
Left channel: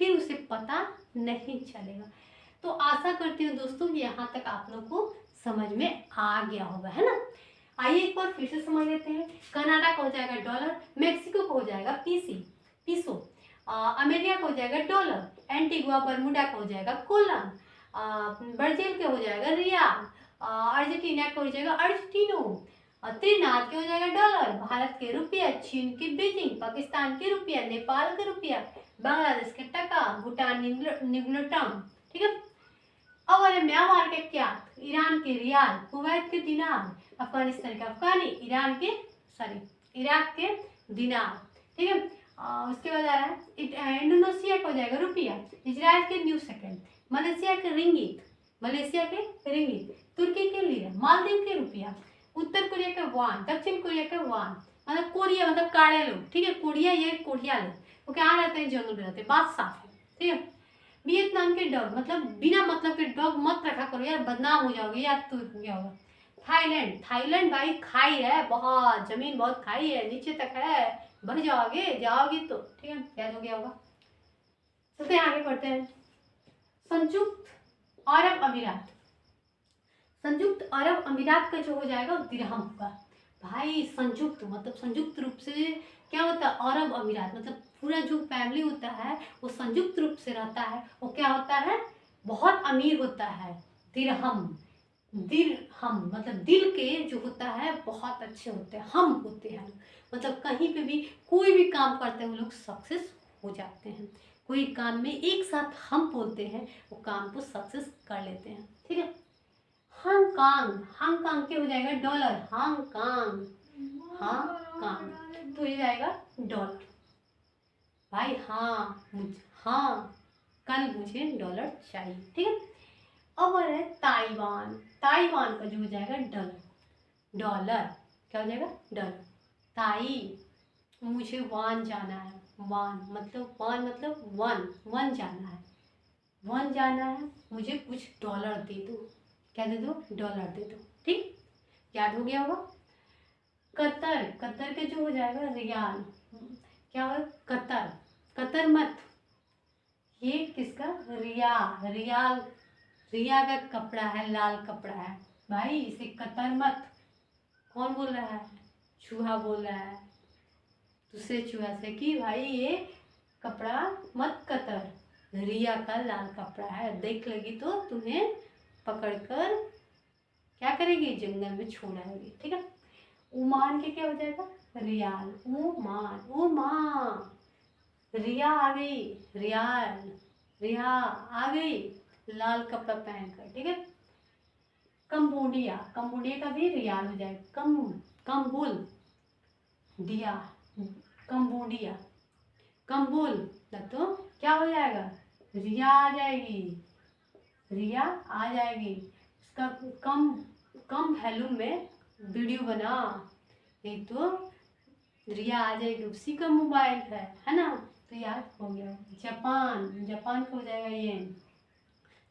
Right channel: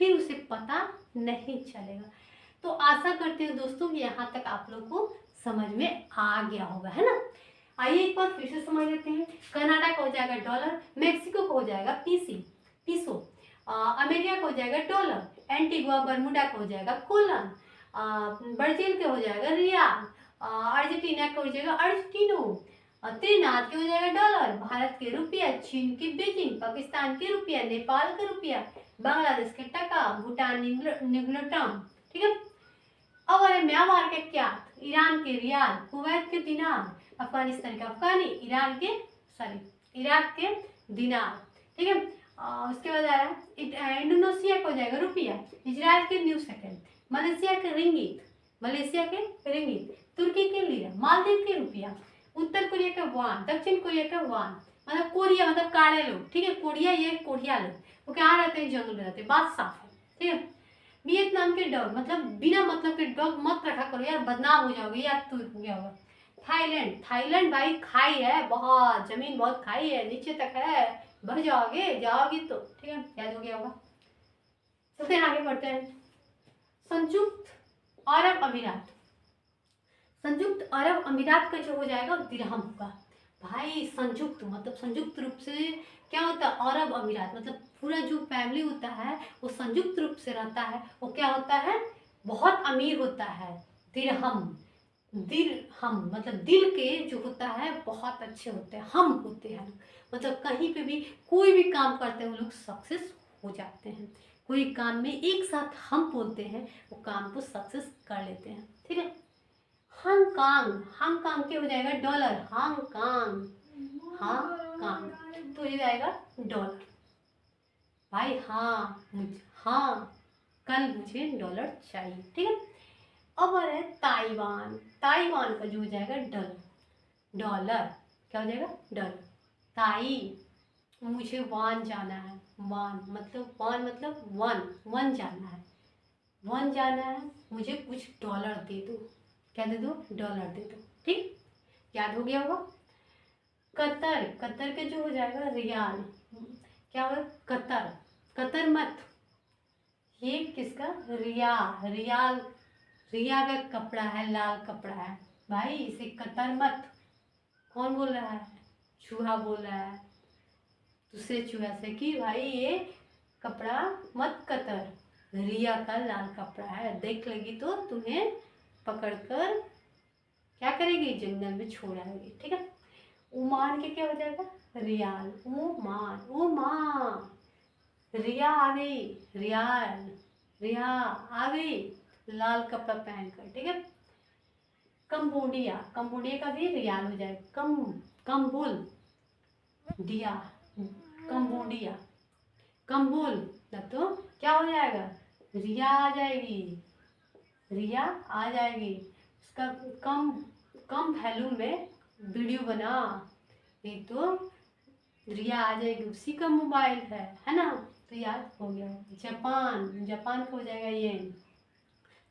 फिर उसे पता नहीं चलेगा। तो आशा करती हूँ दोस्तों कि यहाँ तक आप लोग को समझ में आ गया होगा, है ना। आइए एक बार फिर से समझ लेते हैं। कनाडा का हो जाएगा डॉलर, मेक्सिको का हो जाएगा पीसी पीसो, अमेरिका का हो जाएगा डॉलर, एंटीगुआ बरमुडा का हो जाएगा कोलन, ब्राजील का हो जाएगा रियाल, अर्जेंटीना का हो जाएगा अर्जेंटीनो, त्रिनाद के हो जाएगा डॉलर, भारत के रुपया, चीन के बीजिंग, पाकिस्तान के रुपया, नेपाल का रुपया, बांग्लादेश के टका, भूटान निग्नटम, ठीक है। अब अरे म्यांमार के क्या? ईरान के रियाल, कुवैत के दिनार, अफगानिस्तान के अफगानी, ईरान के इराक के दिनार, ठीक है। उसके बाद आ रहा है इंडोनेशिया का हो जाएगा रुपया, इजराइल के न्यू सेकंड, मलेशिया के रिंगित, तुर्की के लिरा, मालदीव के रुपया, उत्तर कोरिया का वान, दक्षिण कोरिया का वान। मतलब कोरिया मतलब काले लोग, ठीक है। कोरिया ये कोरिया लोग वो क्या रहते हैं? जंगल में रहते हैं, बात साफ है, ठीक है। वियतनाम के डॉग मतलब बिना मतलब के डॉग मत रखा करो यार, बदनाम हो जाओगे यार। तो हो गया होगा। थाईलैंड, थाईलैंड भाई खाई है बहुत, जमीन बहुत खाई है, नीचे तक है, बढ़ जाओगे जाओगे तो, ठीक है। याद हो गया होगा। सबसे आगे बढ़ते हैं। संयुक्त अरब अमीरात। संयुक्त अरब अमीरात का जो हो जाएगा दिरहम होगा भाई। संयुक्त मतलब संयुक्त रूप से क्या होता है? अरब अमीरात मतलब पूरा जो फैमिली होता है वो संयुक्त रूप से रहता है, वो क्या होता है? बहुत अमीर होता है। दिरहम, दिरहम मतलब दिल के जो होता है बहुत अच्छे होते हैं, हम होते हैं मतलब कहीं पे भी कोई भी काम करते हैं वो लोग सक्सेस हो जाते हैं। कोई काम में एक साथ हम बोलते हैं वो काम को सक्सेस कर लेते हैं, ठीक है। हांगकांग, हांगकांग क्या हो जाएगा? डॉलर, हांगकांग, हांगकांग तो ये जाएगा डॉलर भाई। हाँ हाँ कल मुझे डॉलर चाहिए, ठीक है। अब आ रहा है ताइवान। ताइवान का जो हो जाएगा डॉलर, डॉलर क्या हो जाएगा? डॉलर। ताई मुझे वान जाना है, वान मतलब वन जाना है, वन जाना है, मुझे कुछ डॉलर दे दो। क्या दे दो? डॉलर दे दो, ठीक। याद हो गया होगा। कतर, कतर के जो हो जाएगा रियाल, क्या होगा? कतर, कतर मत, ये किसका? रिया, रियाल, रिया का कपड़ा है, लाल कपड़ा है भाई, इसे कतर मत। कौन बोल रहा है? चूहा बोल रहा है दूसरे चूहा से कि भाई ये कपड़ा मत कतर, रिया का लाल कपड़ा है, देख लेगी तो तुम्हें पकड़कर क्या करेगी, जंगल में छोड़ आएगी। ठीक है, उमान के क्या हो जाएगा, रियाल, उमान, उमा, रिया आ गई, रियाल, रिया आ गई लाल कपड़ा पहनकर। ठीक है, कंबोडिया, कंबोडिया का भी रियाल हो जाएगा, कंबुल दिया, कंबोडिया, कंबुल, तो क्या हो जाएगा, रिया आ जाएगी, रिया आ जाएगी। उसका कम कम वैल्यू में वीडियो बना, नहीं तो रिया आ जाएगी, उसी का मोबाइल है ना। तो याद हो गया। जापान, जापान का हो जाएगा ये,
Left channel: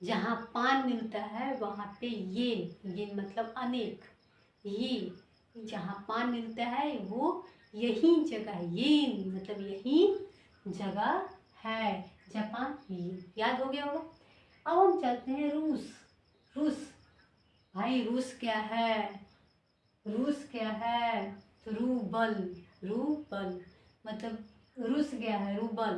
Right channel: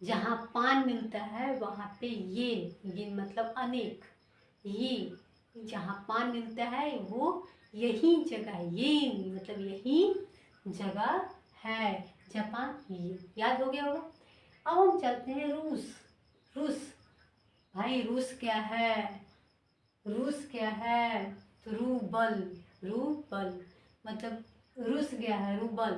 जहाँ पान मिलता है वहाँ पे ये मतलब अनेक, ये जहाँ पान मिलता है वो यही जगह, ये मतलब यही जगह है, जापान, ये याद हो गया होगा। अब हम चलते हैं रूस, रूस, भाई रूस क्या है, रूस क्या है, तो रूबल, रूबल मतलब रूस गया है, रूबल,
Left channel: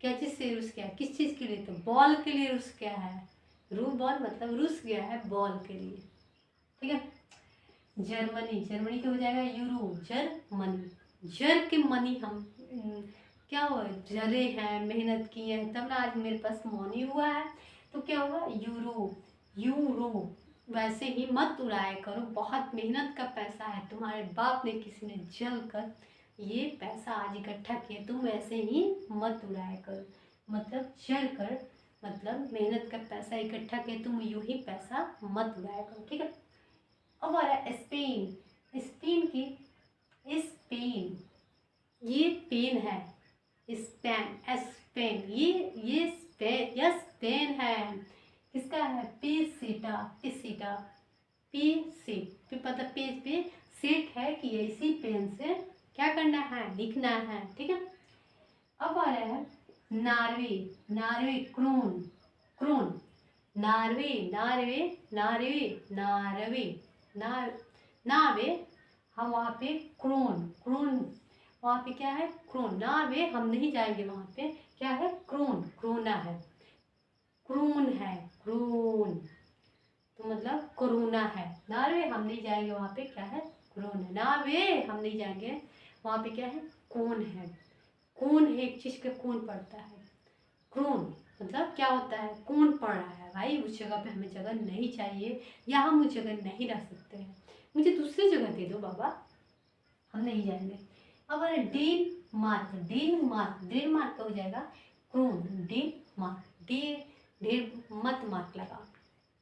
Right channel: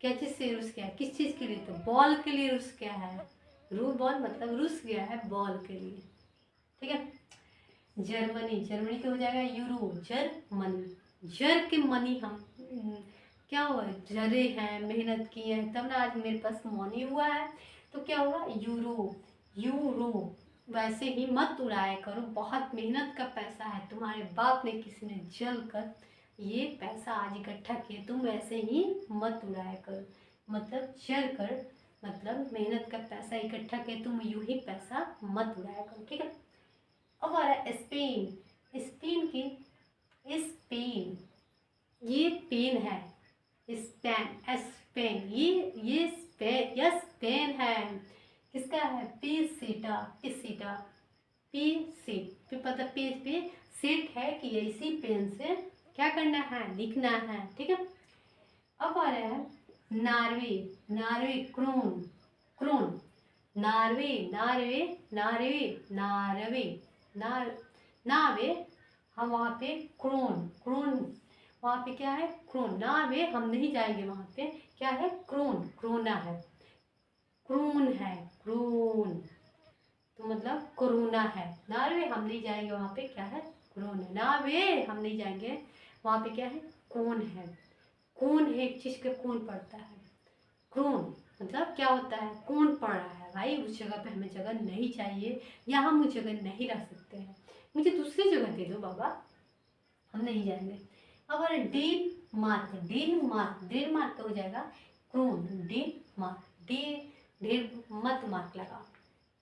क्या चीज़ से रूस गया है, किस चीज़ के लिए, तो बॉल के लिए रूस गया है, रू बॉल मतलब रूस गया है बॉल के लिए। ठीक है, जर्मनी, जर्मनी क्या हो जाएगा, यूरो, जर्मनी, जर के मनी हम क्या हुआ, जरे हैं, मेहनत की है तब ना आज मेरे पास मनी हुआ है, तो क्या होगा, यूरो, यूरो। वैसे ही मत उड़ाया करो, बहुत मेहनत का पैसा है, तुम्हारे बाप ने किसी ने जल कर ये पैसा आज इकट्ठा किया, तुम ऐसे ही मत उड़ाया करो, मतलब चल कर, मतलब मेहनत का पैसा इकट्ठा किया, तुम यूं ही पैसा मत उड़ाया करो। ठीक है, अब आ रहा है स्पेन, स्पेन की, स्पेन, ये पेन है, स्पेन, स्पेन, ये स्पेन, यह स्पेन है, किसका है, पेसेटा, पेसेटा, पे सेट पे, पता पेज पे सेट है कि इसी पेन से क्या करना है, लिखना है। ठीक है, अब आ रहा है Norway, Norway, krone, krone, Norway, Norway, Norway, Norway, Norway, हम वहाँ पे क्रोन, क्रोन, वहाँ पे क्या है, क्रोन, नार्वे हम नहीं जाएंगे वहाँ पे, क्या है, क्रोन, क्रोना है, क्रोन है, क्रोन, तो मतलब कोरोना है, नार्वे हम नहीं जाएंगे वहाँ पे, क्या है, क्रोन है, नार्वे हम नहीं जाएंगे वहाँ पे, क्या है, कौन है, कौन है, एक चीज का कौन पड़ता है, क्रोन मतलब क्या होता है, कौन पड़ रहा है, भाई उस जगह पे हमें जगह नहीं चाहिए, या हम उस जगह नहीं रह सकते हैं, मुझे दूसरी जगह दे दो बाबा, हम नहीं जाएंगे। अब अरे डेनमार्क, डेनमार्क, डेनमार्क का हो जाएगा क्रोन, डेनमार्क, ढेर मत मार्क लगाओ,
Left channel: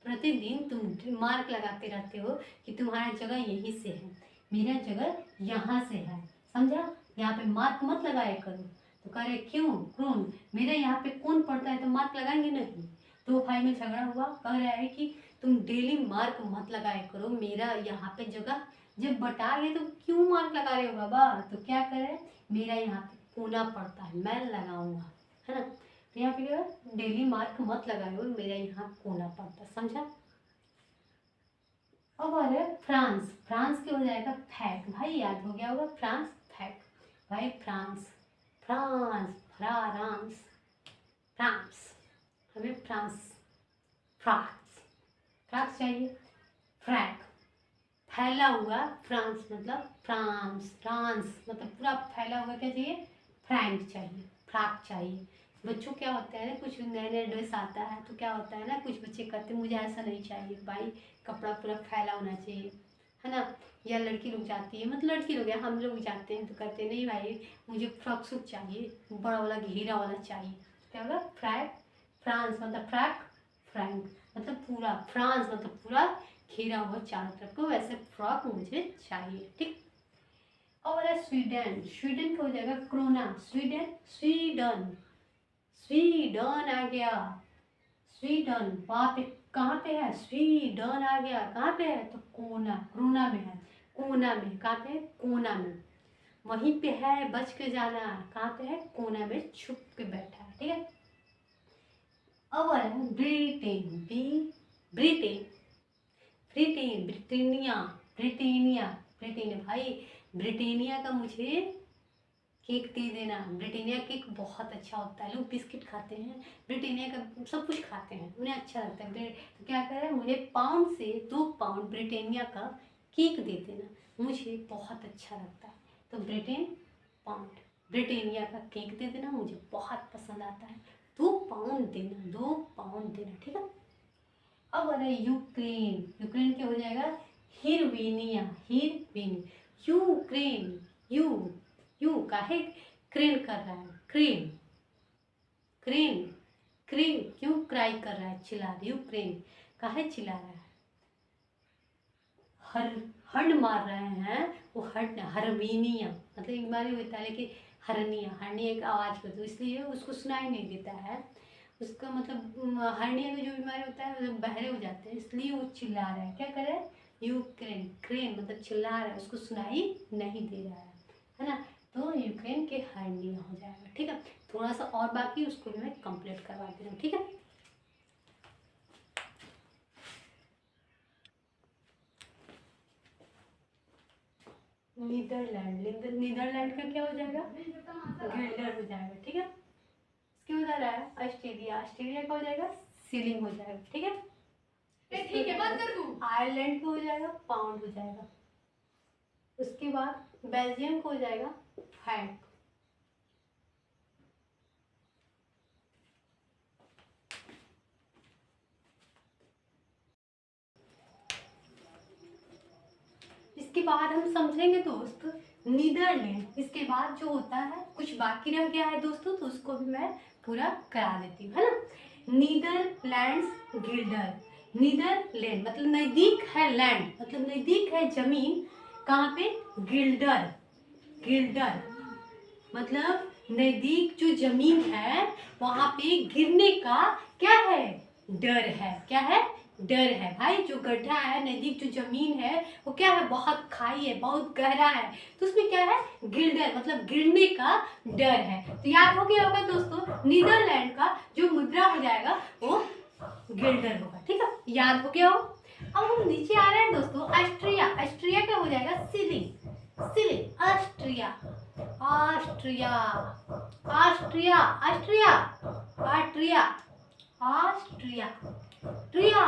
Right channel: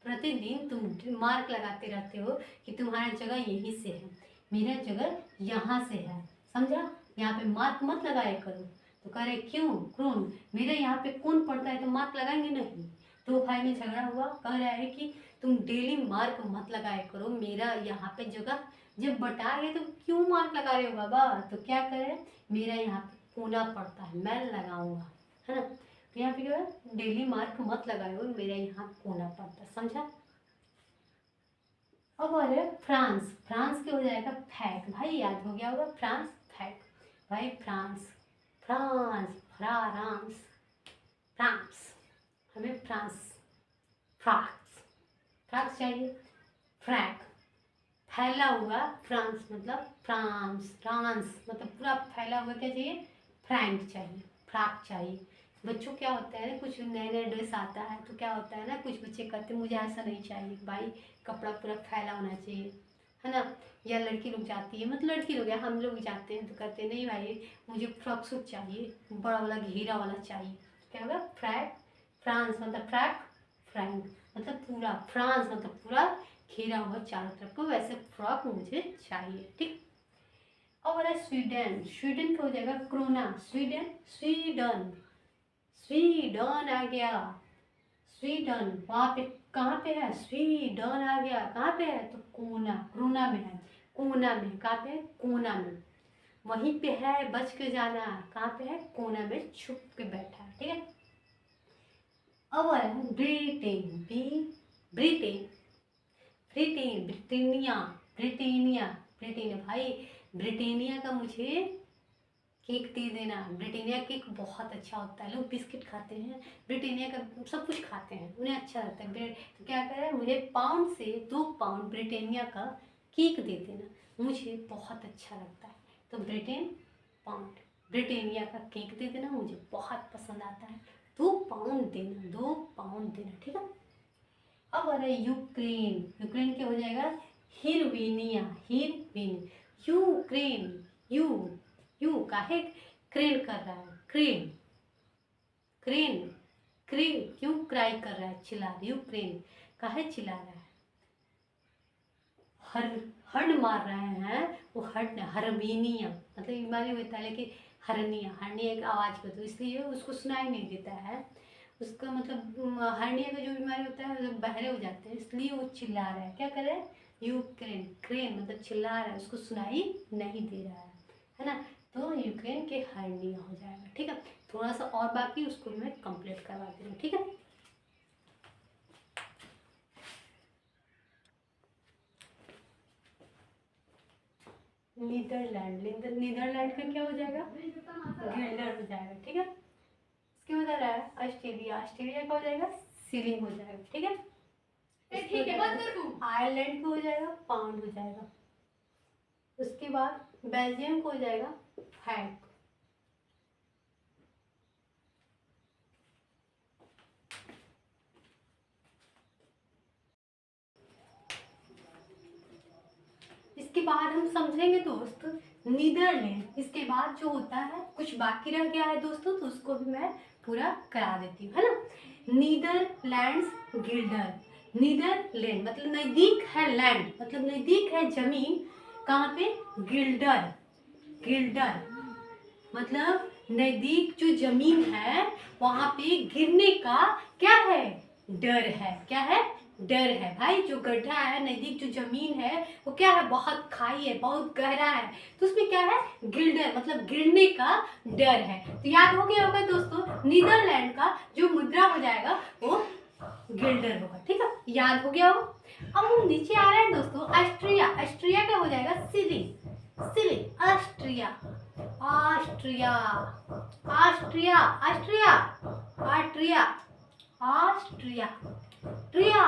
प्रतिदिन तुम मार्क लगाते रहते हो कि तुम्हारा जगह यहीं से है, मेरा जगह यहाँ से है, समझा, यहाँ पे मार्क मत लगाया करो। तो कह रहे क्यों, क्रोन, मेरा यहाँ पे कौन पड़ता है तो मार्क लगाएंगे नहीं, तो भाई में झगड़ा हुआ, कह रहा है कि तुम डेली मार्क मत लगाया करो, मेरा यहाँ पे जगह जब बटा गए तो क्यों मार्क लगा रहे हो बाबा, तो क्या करे, मेरा यहाँ पे कोना पड़ता है, मैं लगाऊंगा, है ना, तो यहाँ पे डेली मार्क मत लगाओ, मेरा यहाँ कोना पड़ता, समझा। अब आ रहा है फ्रांस, फ्रांस क्या हो जाएगा, फैक, भाई याद हो गया होगा, फ्रांस, फैक, भाई फ्रांस, फ्रांस, फ्रांस, फ्रांस, हमें फ्रांस, फ्रांस, फ्रांस चाहिए, फ्रैक, फैला हुआ, फ्रांस मतलब फ्रांस, फ्रांस मतलब पूरा फैला हुआ, क्या चाहिए, फ्रैंक चाहिए, फ्राक चाहिए। बच्चों क्या होता है ना, कुछ नए नए ड्रेस आता है तो क्या होता है ना, कुछ बच्चे कहते हैं मुझे ऐसा नहीं चाहिए भाई, कपड़ा पूरा फैला होना चाहिए, है ना, या लड़की लोग जाती है, मतलब लड़की लोग या हम लोग जाते हैं तो कहते हैं नहीं भाई मुझे फ्रॉक सूट चाहिए, बड़ा वाला घेरा वाला चाहिए, क्या होगा, फ्रैक, फ्रांस मतलब फ्रैक, फ्रैंक मतलब पूरा, फ्रांस मतलब पूरा घेरा हुआ चारों तरफ को, वैसे फ्रॉक मुझे चाहिए। ठीक, और है स्वीडन, स्वीडन का हो जाएगा क्रोना, स्वीडन, स्वीडन, स्वीडन आ गया, स्वीडन, वहाँ पे कहाँ पे है, स्वीडन आ गया, कहाँ पे है, तो कोना, कोना में है, कोना में, कहाँ पे है, कोना में, वहीं पे है, बच के जाना, कहाँ पे है, कोना में छुप के बैठा है। ठीक है, अब आ रहा है ब्रिटेन, ब्रिटेन, ब्रिटेन, ब्रिटेनिया, ब्रिटेनिया, ब्रिटेनिया, भाई ब्रिटानिया का मुझे केक दे देना। ब्रिटानिया केक बहुत अच्छा होता है, लोग बिस्किट खाते हैं, ब्रिटानिया का सब कुछ खाते हैं, उन्हें अच्छा लगता है ब्रेड। तो क्या करें, मुझे पाउंड से 2 पाउंड ब्रिटानिया का केक दे देना, मुझे बहुत अच्छा लगता है। तो पाउंड ब्रिटानिया का केक दे देना, मुझे बहुत पसंद आता है। 2 पाउंड देना, 2 पाउंड देना, ठीक है। अब आ रहा है यूक्रेन। यूक्रेन क्या हो जाएगा, हिरवेनिया, यूक्रेन, यू काहे क्रेन कर रहा है, क्रेन, क्रेन, क्रेन क्यों क्राई कर रहा है, चिल्ला रहा है, यूक्रेन काहे चिल्ला रहा है, हर्न मार रहे हैं वो, हर्न, हर्मेनिया मतलब बीमारी होता है, लेकिन हर्निया एक आवाज़ करती है, इसलिए उसको सुनाई नहीं देता है। उसका मतलब हर्निया का जो बीमारी होता है वो बहरे हो जाते हैं, इसलिए वो चिल्ला रहा है। क्या करे, यूक्रेन, क्रेन मतलब चिल्ला रहा है, उसको सुनाई नहीं दे रहा है ना। तो यूक्रेन के हर्निया हो जाएगा, ठीक है। थोड़ा सा और बाकी, उसको मैं कंप्लीट करवा दे रही हूँ, ठीक है। नीदरलैंड, नीदरलैंड का क्या हो जाएगा, गिल्डर हो जाएगा, ठीक है। इसके बाद आ रहा है ऑस्ट्रेलिया, ऑस्ट्रेलिया का हो जाएगा सीलिंग हो जाएगा, ठीक है। ठीक है, बंद कर दूं। आयरलैंड का हो जाएगा पाउंड हो जाएगा। उसके बाद बेल्जियम का हो जाएगा फ्रैंक। इसके बाद हम समझेंगे दोस्त नीदरलैंड। इसके बाद जो होता है, कुछ बाकी रह गया है दोस्तों, तो उसको भी मैं पूरा करा देती हूँ, है ना। नीदरलैंड्स गिल्डर, नीदरलैंड मतलब नज़दीक है, लैंड मतलब नज़दीक है जमीन, कहाँ पे, गिल्डर, गिल्डर मतलब नज़दीक जो जमीन है वहाँ पे गिरने का क्या है, डर है। क्या है, डर है भाई। जो गड्ढा है नज़दीक, जो जमीन है वो क्या है, बहुत खाई है, बहुत गहरा है, तो उसमें क्या है, गिल्डर मतलब गिरने का डर है। तो याद हो गया होगा दोस्तों, नीदरलैंड का जो मुद्रा हो जाएगा वो गिल्डर होगा, ठीक है, याद हो गया हो। अब हम नीचे आ रहे हैं दोस्तों, ऑस्ट्रिया, ऑस्ट्रिया का हो जाएगा shilling, shilling, Austria, Austria, Austria, Austria, Austria, Austria, ट्रिया,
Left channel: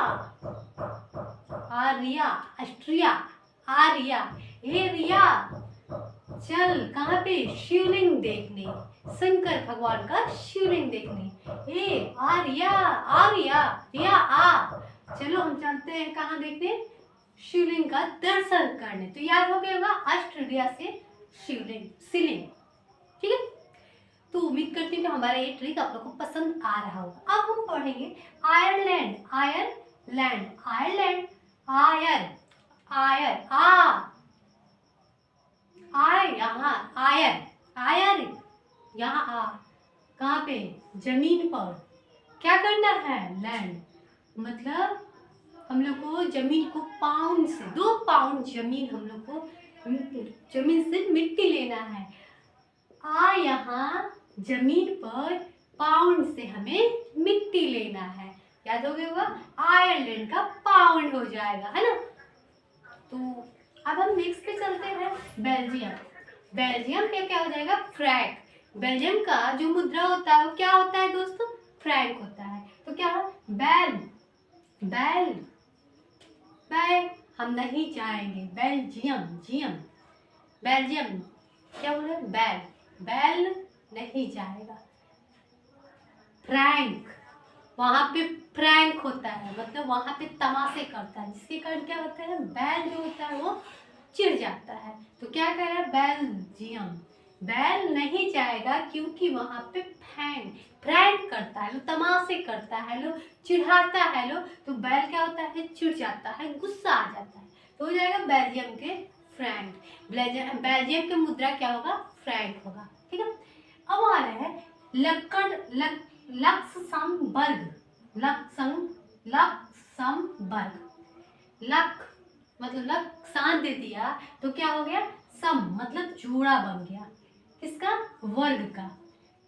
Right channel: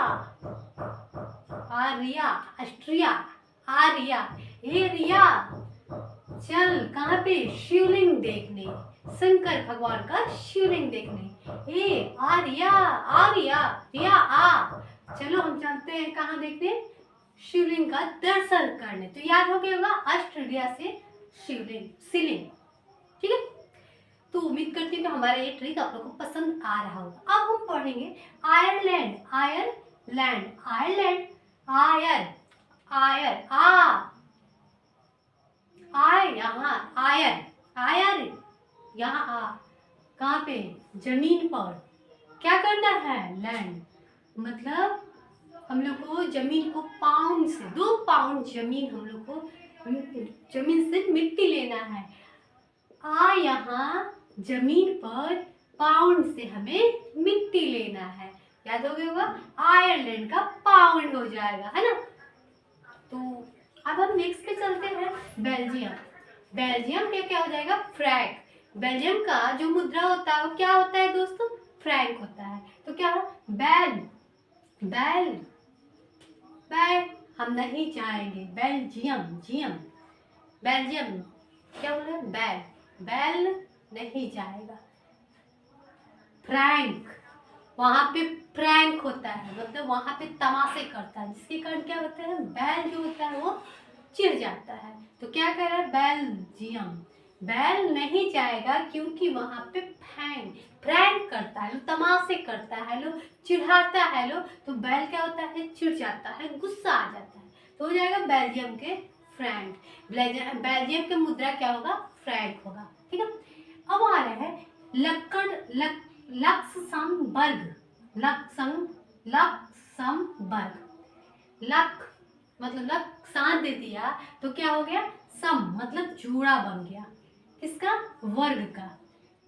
आरिया, ऑस्ट्रिया, आरिया, ए रिया, चल कहाँ पे, शिवलिंग देखने, शंकर भगवान का शिवलिंग देखने। ए आर्या, आर्या, रिया आ, चलो हम चलते हैं कहाँ देखने, शिवलिंग का दर्शन करने। तो याद हो गया होगा ऑस्ट्रेलिया से शिवलिंग, शिवलिंग, ठीक है। तो उम्मीद करती हूँ कि हमारा ये ट्रिक आप लोग को पसंद आ रहा होगा। अब हम पढ़ेंगे आयरलैंड, आयरलैंड, आयरलैंड, आयर, आयर, आय यहाँ, आयर, आयर यहाँ आ, कहाँ पे, जमीन पर, क्या करना है, लैंड मतलब हम लोग को जमीन को पाउंड से, 2 पाउंड जमीन हम लोग को जमीन से मिट्टी लेना है। आ यहाँ जमीन पर पाउंड से हमें मिट्टी लेना है, याद हो गया होगा, आयरलैंड का पाउंड हो जाएगा, है ना। तो अब हम नेक्स्ट पे चलते हैं, बेल्जियम। बेल्जियम पे क्या हो जाएगा, फ्रैंक। बेल्जियम का जो मुद्रा होता है वो क्या होता है दोस्तों, फ्रैंक होता है। तो क्या है, बेल, बेल, बेल, हम नहीं जाएंगे, बेल्जियम, जियम, बेल्जियम क्या बोला, बेल, बेल नहीं जाएगा। फ्रैंक, वहां पे फ्रैंक होता है, मतलब वहां पे तमाशे करता है, जिसके कारण क्या होता है, बैल जो होता है वो चिढ़ जाता है। तो क्या कह रहा है, बेल्जियम, बैल नहीं जाएगा क्योंकि वहां पे फ्रैंक करता है, तमाशे करता है, लो चिढ़ाता है, लो तो बैल क्या होता है, चिढ़ जाता है, गुस्सा आ जाता है। तो हो जाएगा बेल्जियम के फ्रैंक, बेल्जियम के मुद्रा क्या होगा, फ्रैंक होगा, ठीक है। अब आ रहा है लक्कड़, लक्समबर्ग, लक्समबर्ग, लक मतलब लक सांस दे दिया तो क्या हो गया, सम मतलब जोड़ा बन गया, किसका, वर्ग का।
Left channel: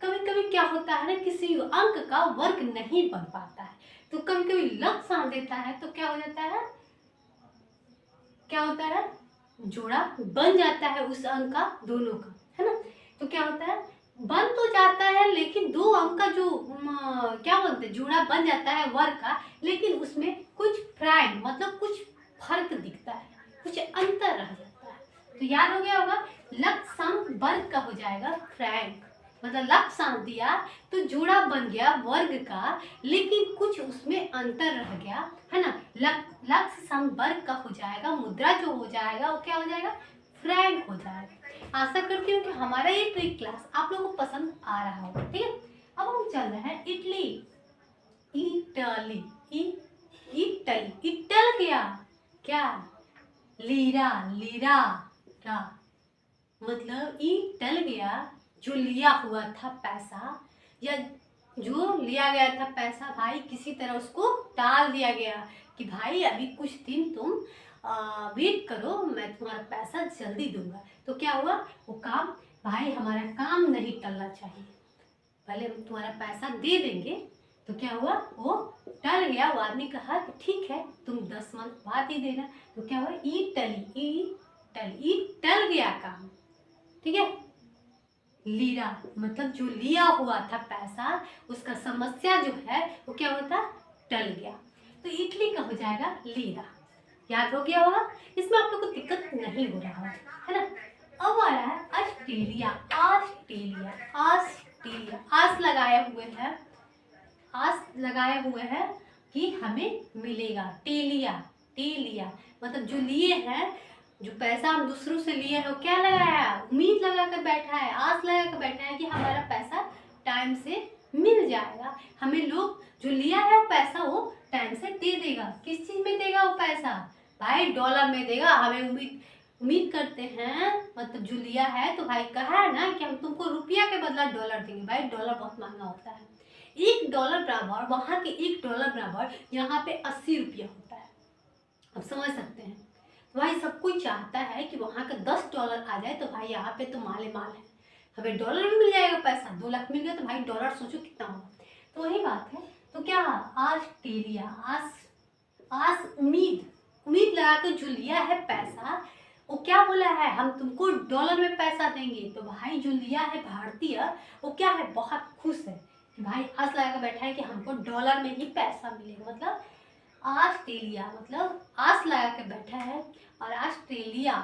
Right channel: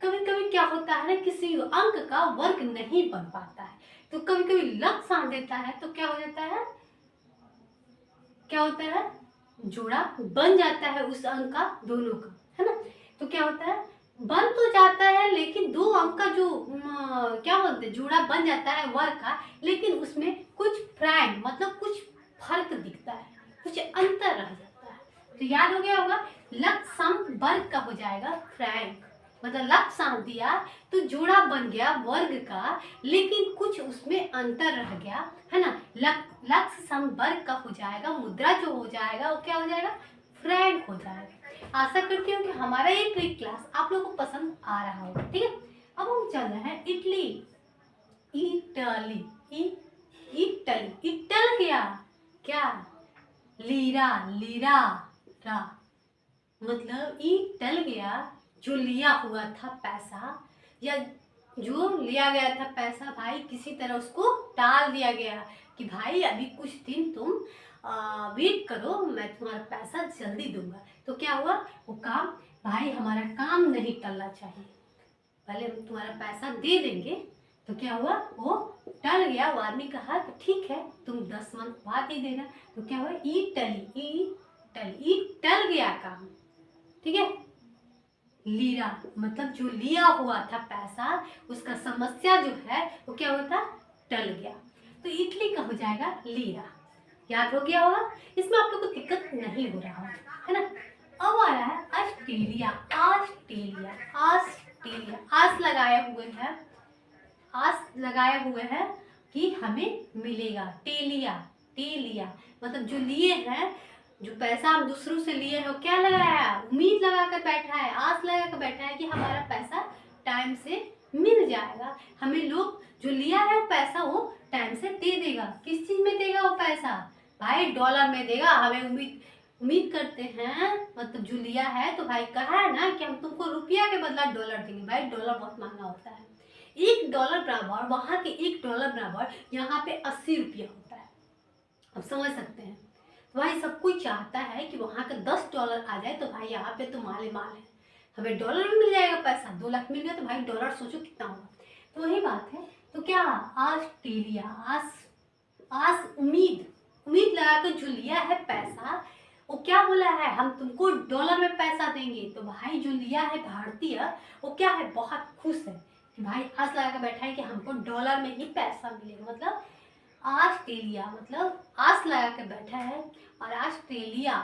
कभी कभी क्या होता है ना, किसी अंक का वर्ग नहीं बन पाता है, तो कभी कभी लक सांस देता है तो क्या हो जाता है, क्या होता है, जोड़ा बन जाता है उस अंक का दोनों का, है ना। तो क्या होता है, बन तो जाता है लेकिन दो अंक का जो क्या बोलते हैं जोड़ा बन जाता है वर्ग का, लेकिन उसमें कुछ फ्रैंक मतलब कुछ फर्क दिखता है, कुछ अंतर रह जाता है। तो याद हो गया होगा, लक्षांक वर्ग का हो जाएगा फ्रैंक, मतलब लक्षांक दिया तो जोड़ा बन गया वर्ग का, लेकिन कुछ उसमें अंतर रह गया, है ना। लक्षांक वर्ग का हो जाएगा, मुद्रा जो हो जाएगा वो क्या हो जाएगा, फ्रैंक हो जाएगा। आशा करती हूँ कि हमारा ये ट्रिक क्लास आप लोगों को पसंद आ रहा होगा, ठीक है। अब हम चल रहे हैं इटली, इटली, इटली, इटल क्या, क्या, लीरा, लीरा, रा, मतलब ई टल गया, जो लिया हुआ था पैसा, या जो लिया गया था पैसा भाई किसी तरह उसको टाल दिया गया कि भाई अभी कुछ दिन तुम वेट करो, मैं तुम्हारा पैसा जल्दी दूंगा। तो क्या हुआ, वो काम, भाई हमारा काम नहीं टलना चाहिए, पहले हम तुम्हारा पैसा दे देंगे। तो क्या हुआ, वो टल गया। वो आदमी कहा कि ठीक है तुम 10 मंथ बाद ही देना। तो क्या हुआ, ई टली, ई टल गया काम, ठीक है। लीरा मतलब जो लिया हुआ था पैसा, उसका समस्या जो है वो क्या होता, टल गया। तो इटली का हो जाएगा लीरा। याद हो गया होगा, इसमें आप लोग को दिक्कत नहीं हो रहा है ना। अब आ रहा है ऑस्ट्रेलिया, ऑस्ट्रेलिया, ऑस्ट्रेलिया, आस लगाए हुए हैं, आस लगाए हुए हैं कि हमें मिलेगा, टेलिया, टेलिया मतलब जो लिए हैं, जो पैसा हम दूसरों से लिए हैं, वो क्या लगाया है, उम्मीद लगा कर बैठा है, आस लगा कर बैठा है कि हमारा पैसा टाइम से मिल जाएगा, हमें लोग जो लिया है पैसा वो टाइम से दे देगा। किस चीज में देगा वो पैसा, भाई डॉलर में देगा, हमें उम्मीद उम्मीद करते हैं, मतलब जो लिया है तो भाई कहा है ना कि हम तुमको रुपया के बदला डॉलर देंगे। भाई डॉलर बहुत महंगा होता है, $1 बराबर, वहां के $1 बराबर यहाँ पे 80 रुपया होता है, आप समझ सकते हैं। तो भाई सब कोई चाहता है कि वहाँ का $10 आ जाए, तो भाई यहाँ पे तो माल माल है, हमें डॉलर में मिल जाएगा पैसा, 2 लाख मिल गया तो भाई डॉलर सोचो कितना होगा। तो वही बात है। तो क्या, ऑस्ट्रेलिया, आस, आस उम्मीद, उम्मीद लगाकर जो लिया है पैसा, वो क्या बोला है, हम तुमको डॉलर में पैसा देंगे। तो भाई जो लिया है भारतीय, वो क्या है, बहुत खुश है कि भाई आस लगा कर बैठा है कि हमको डॉलर में ही पैसा मिलेगा। मतलब ऑस्ट्रेलिया मतलब आस लगा के बैठा है, और ऑस्ट्रेलिया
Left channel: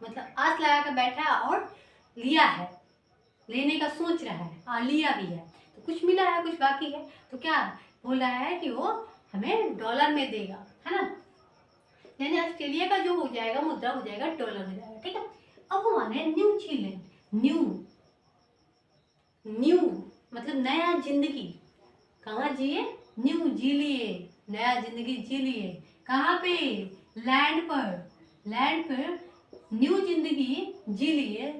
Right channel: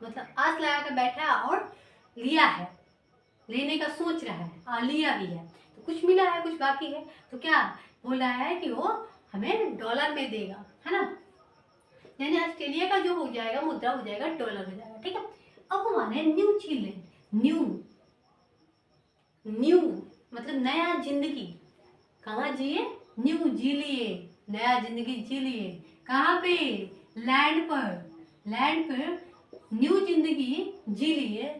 मतलब आस लगा के बैठा है और लिया है, लेने का सोच रहा है और लिया भी है, तो कुछ मिला है कुछ बाकी है। तो क्या बोल रहा है कि वो हमें डॉलर में देगा, है ना। यानी ऑस्ट्रेलिया का जो हो जाएगा मुद्रा हो जाएगा डॉलर हो जाएगा, ठीक है। अब हम आने न्यूजीलैंड, न्यू, न्यू मतलब नया जिंदगी, कहाँ जिए, न्यू जी लिए, नया जिंदगी जी लिए, कहाँ पे, लैंड पर, लैंड पर न्यू जिंदगी जी लिए,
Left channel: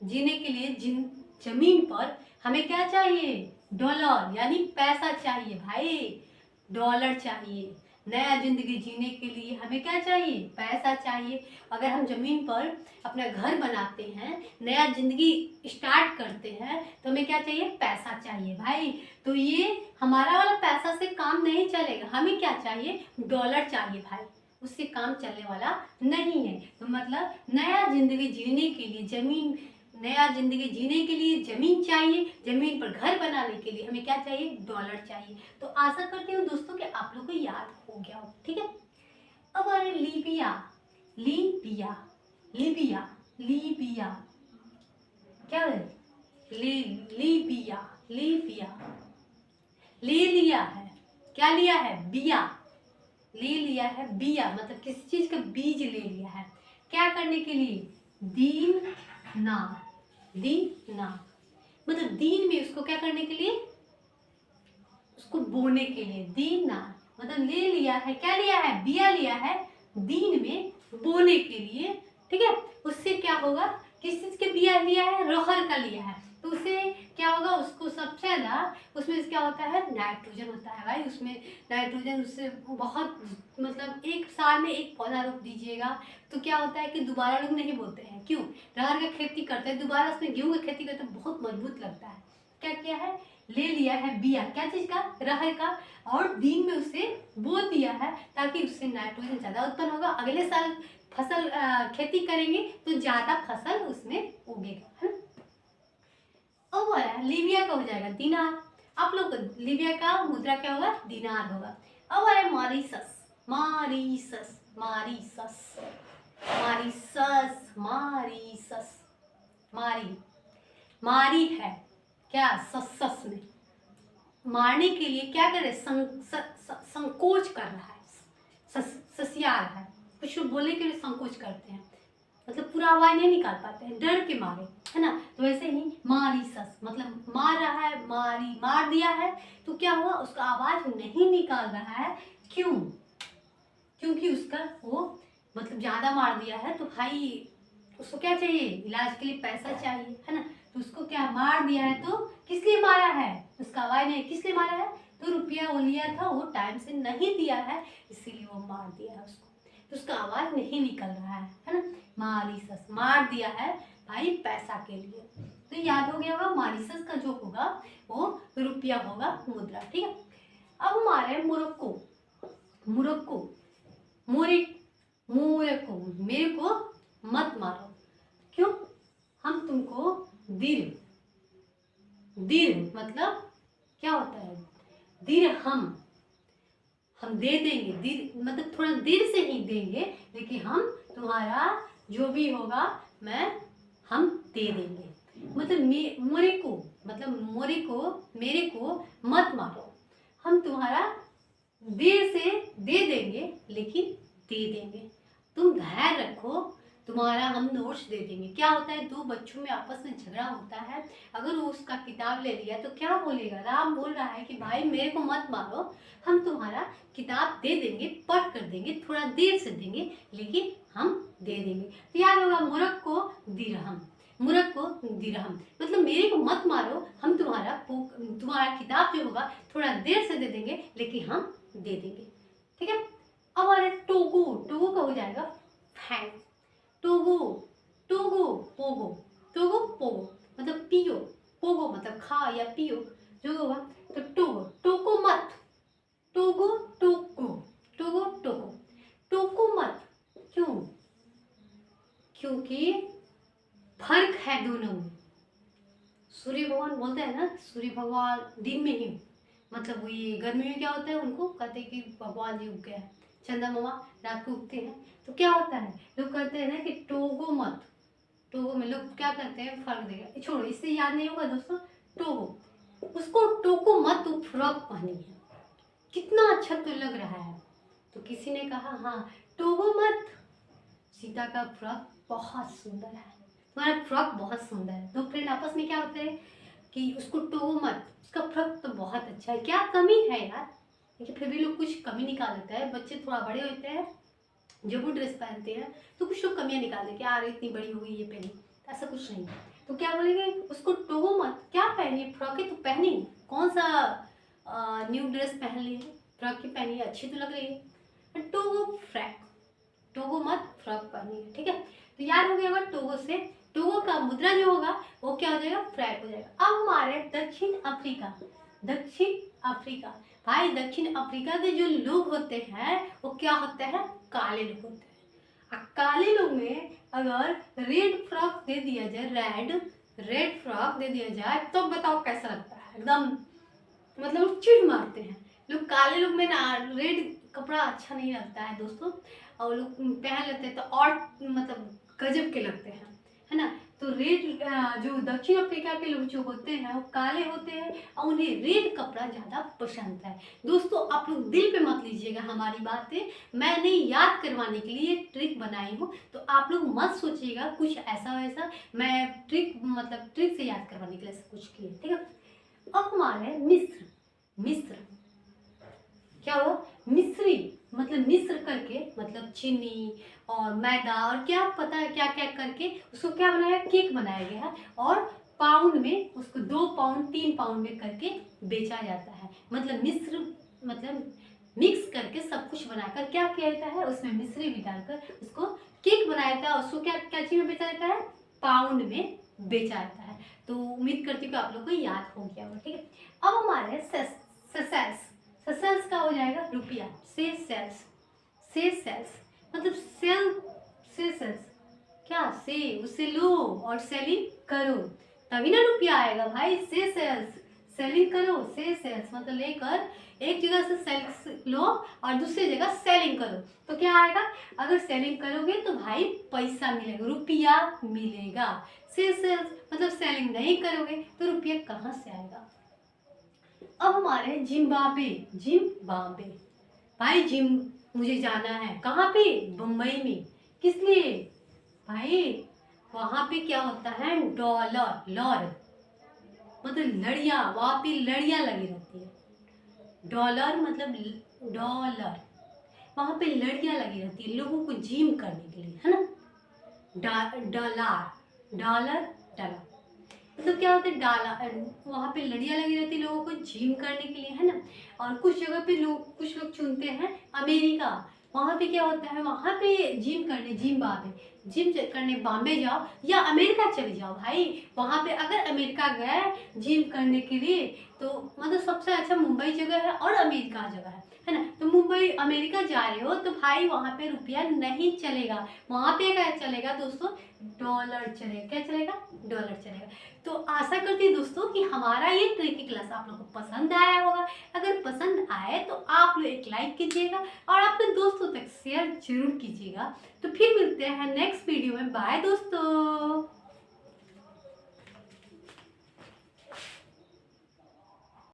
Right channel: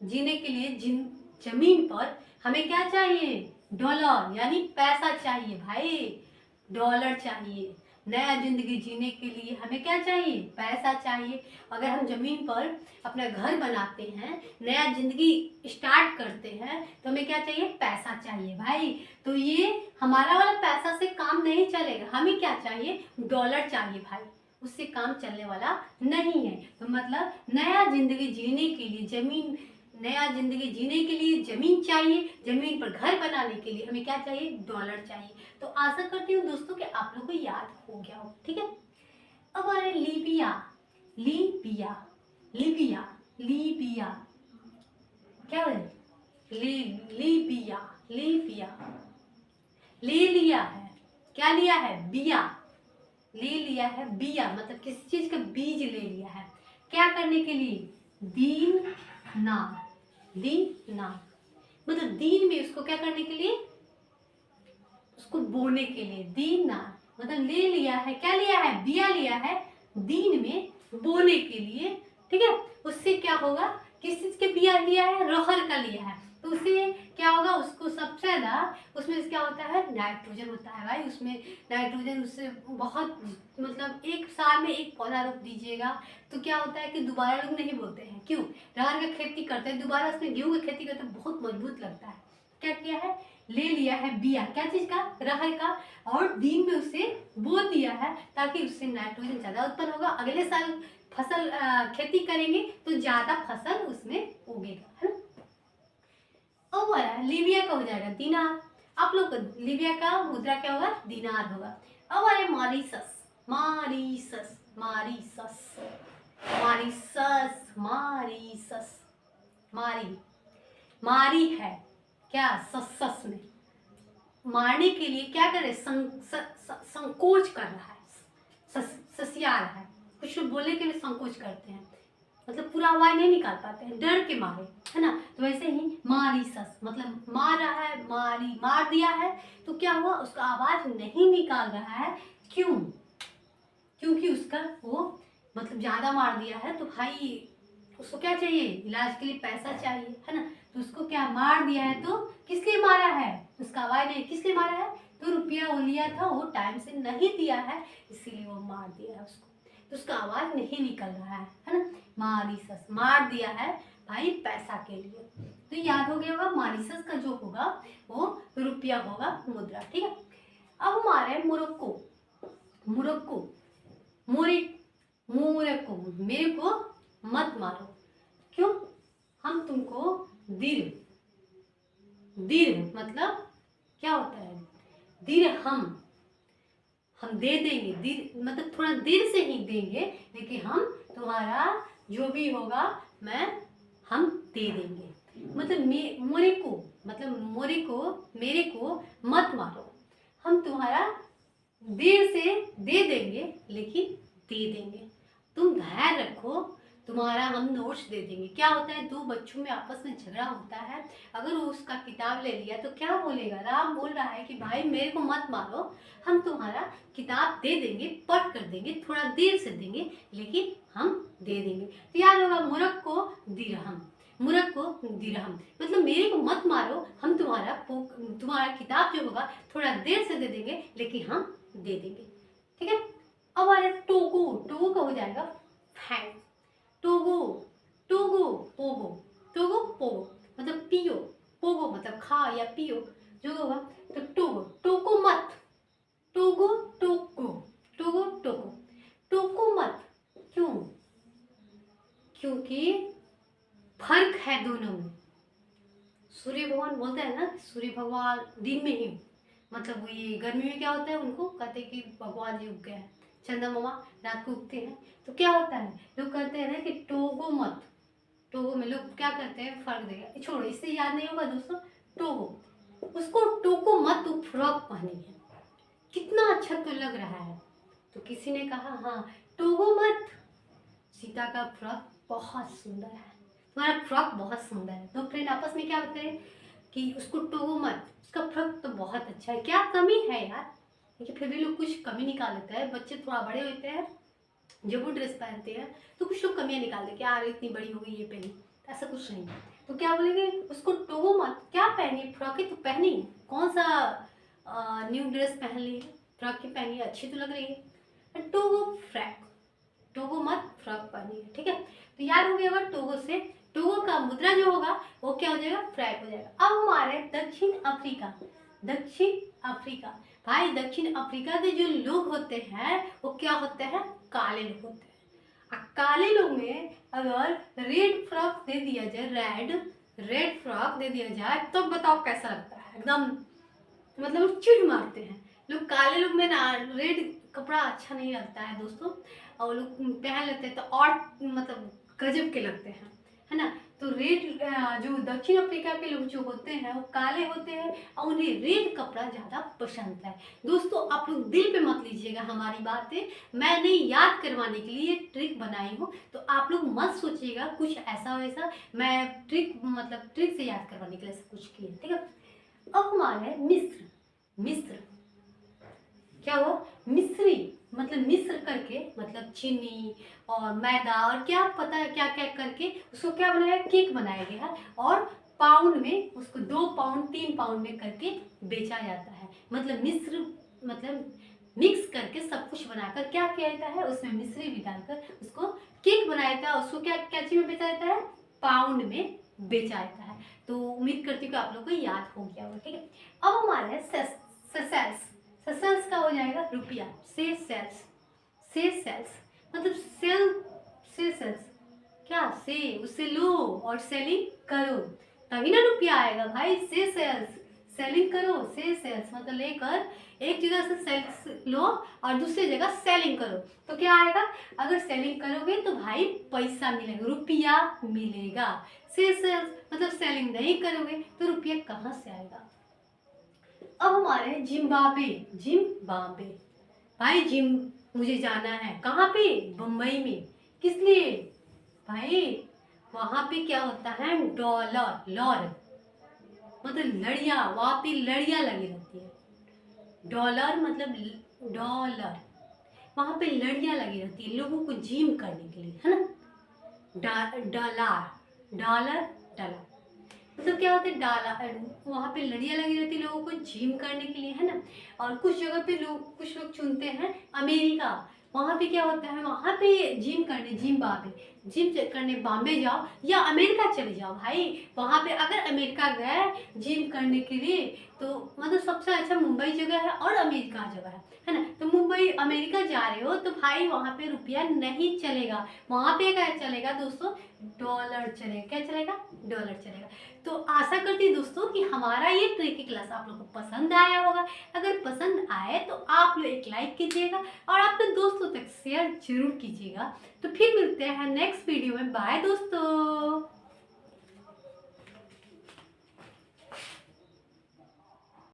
जीने के लिए जमीन पर हमें क्या चाहिए, डॉलर यानी पैसा चाहिए भाई, डॉलर चाहिए। नया जिंदगी जीने के लिए हमें क्या चाहिए, पैसा चाहिए। अगर हम जमीन पर अपना घर बनाते हैं, नया जिंदगी स्टार्ट करते हैं, तो हमें क्या चाहिए, पैसा चाहिए भाई। तो ये हमारा वाला पैसा से काम नहीं चलेगा, हमें क्या चाहिए, डॉलर चाहिए भाई, उससे काम चलने वाला नहीं है। तो मतलब नया जिंदगी जीने के लिए जमीन, नया जिंदगी जीने के लिए जमीन चाहिए, जमीन पर घर बनाने के लिए हमें क्या चाहिए, डॉलर चाहिए। तो आशा करती हूँ दोस्तों कि आप लोग को याद हो गया हो, ठीक है। अब आ रहे लीबिया, लीबिया, लीबिया, लीबिया, क्या है, लीबिया, लीबिया, ले लिया है, क्या लिया है, बिया, ले लिया है बिया मतलब किसी चीज का बीज ले लिया है, क्या करने के लिए, दीन ना, दीना मतलब दीन में उसको क्या करने के लिए, उसको बोने के लिए, दीना मतलब ले लिया है, क्या लिया है, बिया लिया है दीन में बोने के लिए, ठीक है। उससे क्या होगा, किस चीज के बिया लिया है, रहर का लिया है, तो उससे क्या होगा, उसको सबसे ज्यादा उसमें क्या होता है, नाइट्रोजन होता है भाई, उसमें नाइट्रोजन उससे बहुत, मतलब एक साल में एक पौधा रोप दीजिएगा तो क्या होता है कि दोबारा लोग नहीं बोलते हैं, क्यों, रहर का खेती करते हैं, दोबारा उसमें गेहूं की खेती करते हैं, बहुत मजबूत लगता है। क्या किया है, ले लिया है बिया, क्या चीज का, रहर का, और दिन में उसे बो दिया है ताकि उससे नाइट्रोजन ज्यादा उत्पन्न होगा, अगले साल फसल खेती करेंगे तो ज़्यादा फसल उसमें उगेगा, है ना। अब बोला लीबिया का हो जाएगा दिनार। आप लोग लीबिया का मुद्रा क्या होगा, दिनार होगा। अब आया Mauritius, Mauritius, Mauritius, Mauritius, Mauritius, मारी, मारी है क्या, सस में मारने के लिए क्या कर रहे, संकोच कर रहा है, ससिया रहा है, कुछ लोग बोलने के लिए संकोच करते हैं, मतलब पूरा आवाज नहीं निकाल पाते हैं डर के मारे, है ना। तो वैसे ही मॉरिशस मतलब मार रहा है, मारी मार दिया है, तो क्या हुआ, उसका आवाज नहीं निकाल रहा है। क्यों, क्योंकि उसका वो मतलब ज्यादा मार दिया है, तो भाई उसको क्या चाहिए, इलाज के लिए पैसा चाहिए, है ना। तो उसको क्या मार दिया है, तो किस लिए मारा है, उसका आवाज नहीं, किस लिए मारा है, तो रुपया वो लिया था वो टाइम से नहीं दिया है, इसीलिए वो मार दिया है उसको, तो उसका आवाज नहीं निकल रहा है ना। मॉरिशस मार दिया है भाई पैसा के लिए, तो याद हो गया होगा मॉरिशस का जो होगा वो रुपया होगा, मुद्रा, ठीक है। अब हमारे मोरक्को, मोरक्को, मोरक्को, मेरे को मत मारो, क्यों, हम तुमको दिर, दिर मतलब क्या होता है, दिर हम दे देंगे, दिर मतलब थोड़ा देर से ही देंगे, लेकिन हम तुम्हारा जो भी होगा हम दे देंगे, मतलब मोरे को मतलब मोरे को मेरे को मत मारो, हम तुम्हारा देर से दे देंगे लेकिन दे देंगे, तुम धैर्य रखो, तुम्हारा हम नोट्स दे देंगे। क्या होता है, दो बच्चों में आपस में झगड़ा होता है, अगर वो उसका किताब ले लिया तो क्या बोलेगा, राम बोल रहा है कि भाई मेरे को मत मारो, हम तुम्हारा किताब दे देंगे, पढ़ कर देंगे, थोड़ा देर से देंगे लेकिन हम दे देंगे। तो याद होगा मुरक्को दिरहम, मुरक्को दिरहम मतलब मेरे को मत मारो, हम तुम्हारा किताब जो होगा थोड़ा देर से दे देंगे लेकिन हम दे देंगे, ठीक है। अब आ रहा है टोगो, टोगो का हो जाएगा fan, Togo, Togo, Pogo, Togo Pogo मतलब पियो, पोगो मतलब खा या पियो जो होगा, तो टोगो, टोको मत, टोगो टोको, टोगो टोको, टोको मत, क्यों, क्योंकि फर्क है दोनों में। सूर्य भगवान बोलते हैं ना, सूर्य भगवान दिन में ही मतलब वो ये गर्मी में क्या होता है, उनको कहते हैं कि भगवान जी उग गए हैं, चंदा मामा रात को उगते हैं, तो क्या होता है लोग कहते हैं ना कि टोगो मत, टोगो में लोग क्या करते हैं, फर्क देगा, छोड़ो इससे याद नहीं होगा दोस्तों, टोगो, उसको टोको मत, तो फ्रॉक पहनी है, कितना अच्छा तो लग रहा है, तो किसी ने कहा हाँ टोगो मत, सीता का फ्रॉक बहुत सुंदर है, तुम्हारा फ्रॉक बहुत सुंदर है, तो फ्रेंड आपस में क्या होते हैं कि उसको टोगो मत, उसका फ्रॉक तो बहुत अच्छा है, क्या कमी है यार, लेकिन फिर भी लोग कुछ कमी निकाल लेते हैं, बच्चे थोड़ा बड़े होते हैं जब वो ड्रेस पहनते हैं तो कुछ लोग कमियां निकाल देते हैं, यार इतनी बड़ी हो गई ये पहनी, तो ऐसा कुछ नहीं, तो क्या बोलेंगे उसको टोगो मत, क्या पहनी, फ्रॉक ही तो पहनी, कौन सा न्यू ड्रेस पहन ली है, फ्रॉक ही पहनी है, अच्छी तो लग रही है, टोगो फ्रैक, टोगो मत फ्रॉक पहनी है, ठीक है। तो याद हो गया टोगो से, टोगो का मुद्रा जो होगा वो क्या हो जाएगा, फ्रैक हो जाएगा। अब हमारे दक्षिण अफ्रीका, दक्षिण अफ्रीका, भाई दक्षिण अफ्रीका के जो लोग होते हैं वो क्या होते हैं, काले लोग होते हैं, काले लोग में अगर रेड फ्रॉक दे दिया जाए, रेड फ्रॉक दे दिया जाए तो बताओ कैसा लगता है, एकदम मतलब चिढ़ मारते हैं लोग, काले लोग में ना रेड कपड़ा अच्छा नहीं लगता है दोस्तों, और लोग पहन लेते हैं तो और मतलब गजब के लगते हैं, है ना। तो रेड जो दक्षिण अफ्रीका के लोग जो होते हैं वो काले होते हैं और उन्हें रेड कपड़ा ज़्यादा पसंद है। दोस्तों आप लोग दिल पे मत लीजिएगा हमारी बातें, मैंने याद करवाने के लिए ट्रिक बनाई हूँ, तो आप लोग मत सोचिएगा कुछ ऐसा वैसा, मैं ट्रिक मतलब ट्रिक से याद करवाने के लिए सब कुछ किया, ठीक है। अब हमारे मिस्र, मिस्र क्या हो, मिस्री मतलब मिस्र करके मतलब चीनी और मैदा और क्या पता है क्या क्या करके उसको क्या बनाया, केक बनाया गया है, और पाउंड में उसको 2 पाउंड 3 पाउंड में करके बेचा जाता है, मतलब मिस्र मतलब मिक्स करके सब कुछ बनाकर क्या किया जाता है, उसमें मिश्री भी डालकर उसको केक बनाया जाता है, उसको क्या क्या चीज में बेचा जाता है, पाउंड में बेचा जाता है। तो उम्मीद करती हूँ कि आप लोग को याद हो गया होगा, ठीक है। अब हमारे सेसेल्स, सेसेल्स का हो जाएगा रुपया, सेसेल्स, सेसेल्स मतलब सेल्स, क्या से उससे लो और सेलिंग करो, तभी ना रुपया आएगा भाई। से सेल्स, सेलिंग करो, से सेल्स मतलब लेकर एक जगह से सेल्स लो और दूसरी जगह सेलिंग करो, तो क्या आएगा? अगर सेलिंग करोगे तो भाई पैसा मिलेगा, रुपया मिलेगा। से सेल्स मतलब सेलिंग नहीं करोगे तो रुपया कहाँ से आएगा? अब हमारे जिम्बाब्वे, जिम्बाब्वे भाई, जिम मुझे जाना है, कहाँ पे? बम्बई में। किस लिए भाई? वहां पे क्या होता है? डॉलर, लॉर मतलब लड़ियां, वहां पे लड़ियां लगी रहती है। डॉलर मतलब डॉलर, वहां पे लड़ियां लगी रहती है लोगों को जिम करने के लिए, है ना? डॉलर, डॉलर, डॉलर मतलब क्या होता है? डाला, वहाँ पे लड़ियाँ लगी रहती है लोगों को जिम करने के लिए, है ना? और कुछ जगह पे लोग, कुछ लोग चुनते हैं अमेरिका। वहाँ पे क्या होता है? वहाँ पे जिम करने, जिम करने बॉम्बे जाओ या अमेरिका चले जाओ भाई। वहाँ पे अगर अमेरिका गए जिम करने के लिए तो मतलब सबसे अच्छा मुंबई जगह है और अमेरिका जगह है ना? तो मुंबई अमेरिका जा रहे हो तो भाई वहाँ पे रुपया नहीं चलेगा, वहाँ पे क्या चलेगा दोस्तों? डॉलर चलेगा। क्या चलेगा? डॉलर चलेगा। तो आशा करती हूँ दोस्तों कि हमारा ये ट्रिकी क्लास आप लोग को पसंद आया होगा। अगर पसंद आए तो आप लोग एक लाइक कीजिएगा और अपने दोस्तों तक शेयर जरूर कीजिएगा। तो फिर मिलते हैं नेक्स्ट वीडियो में। बाय दोस्तों।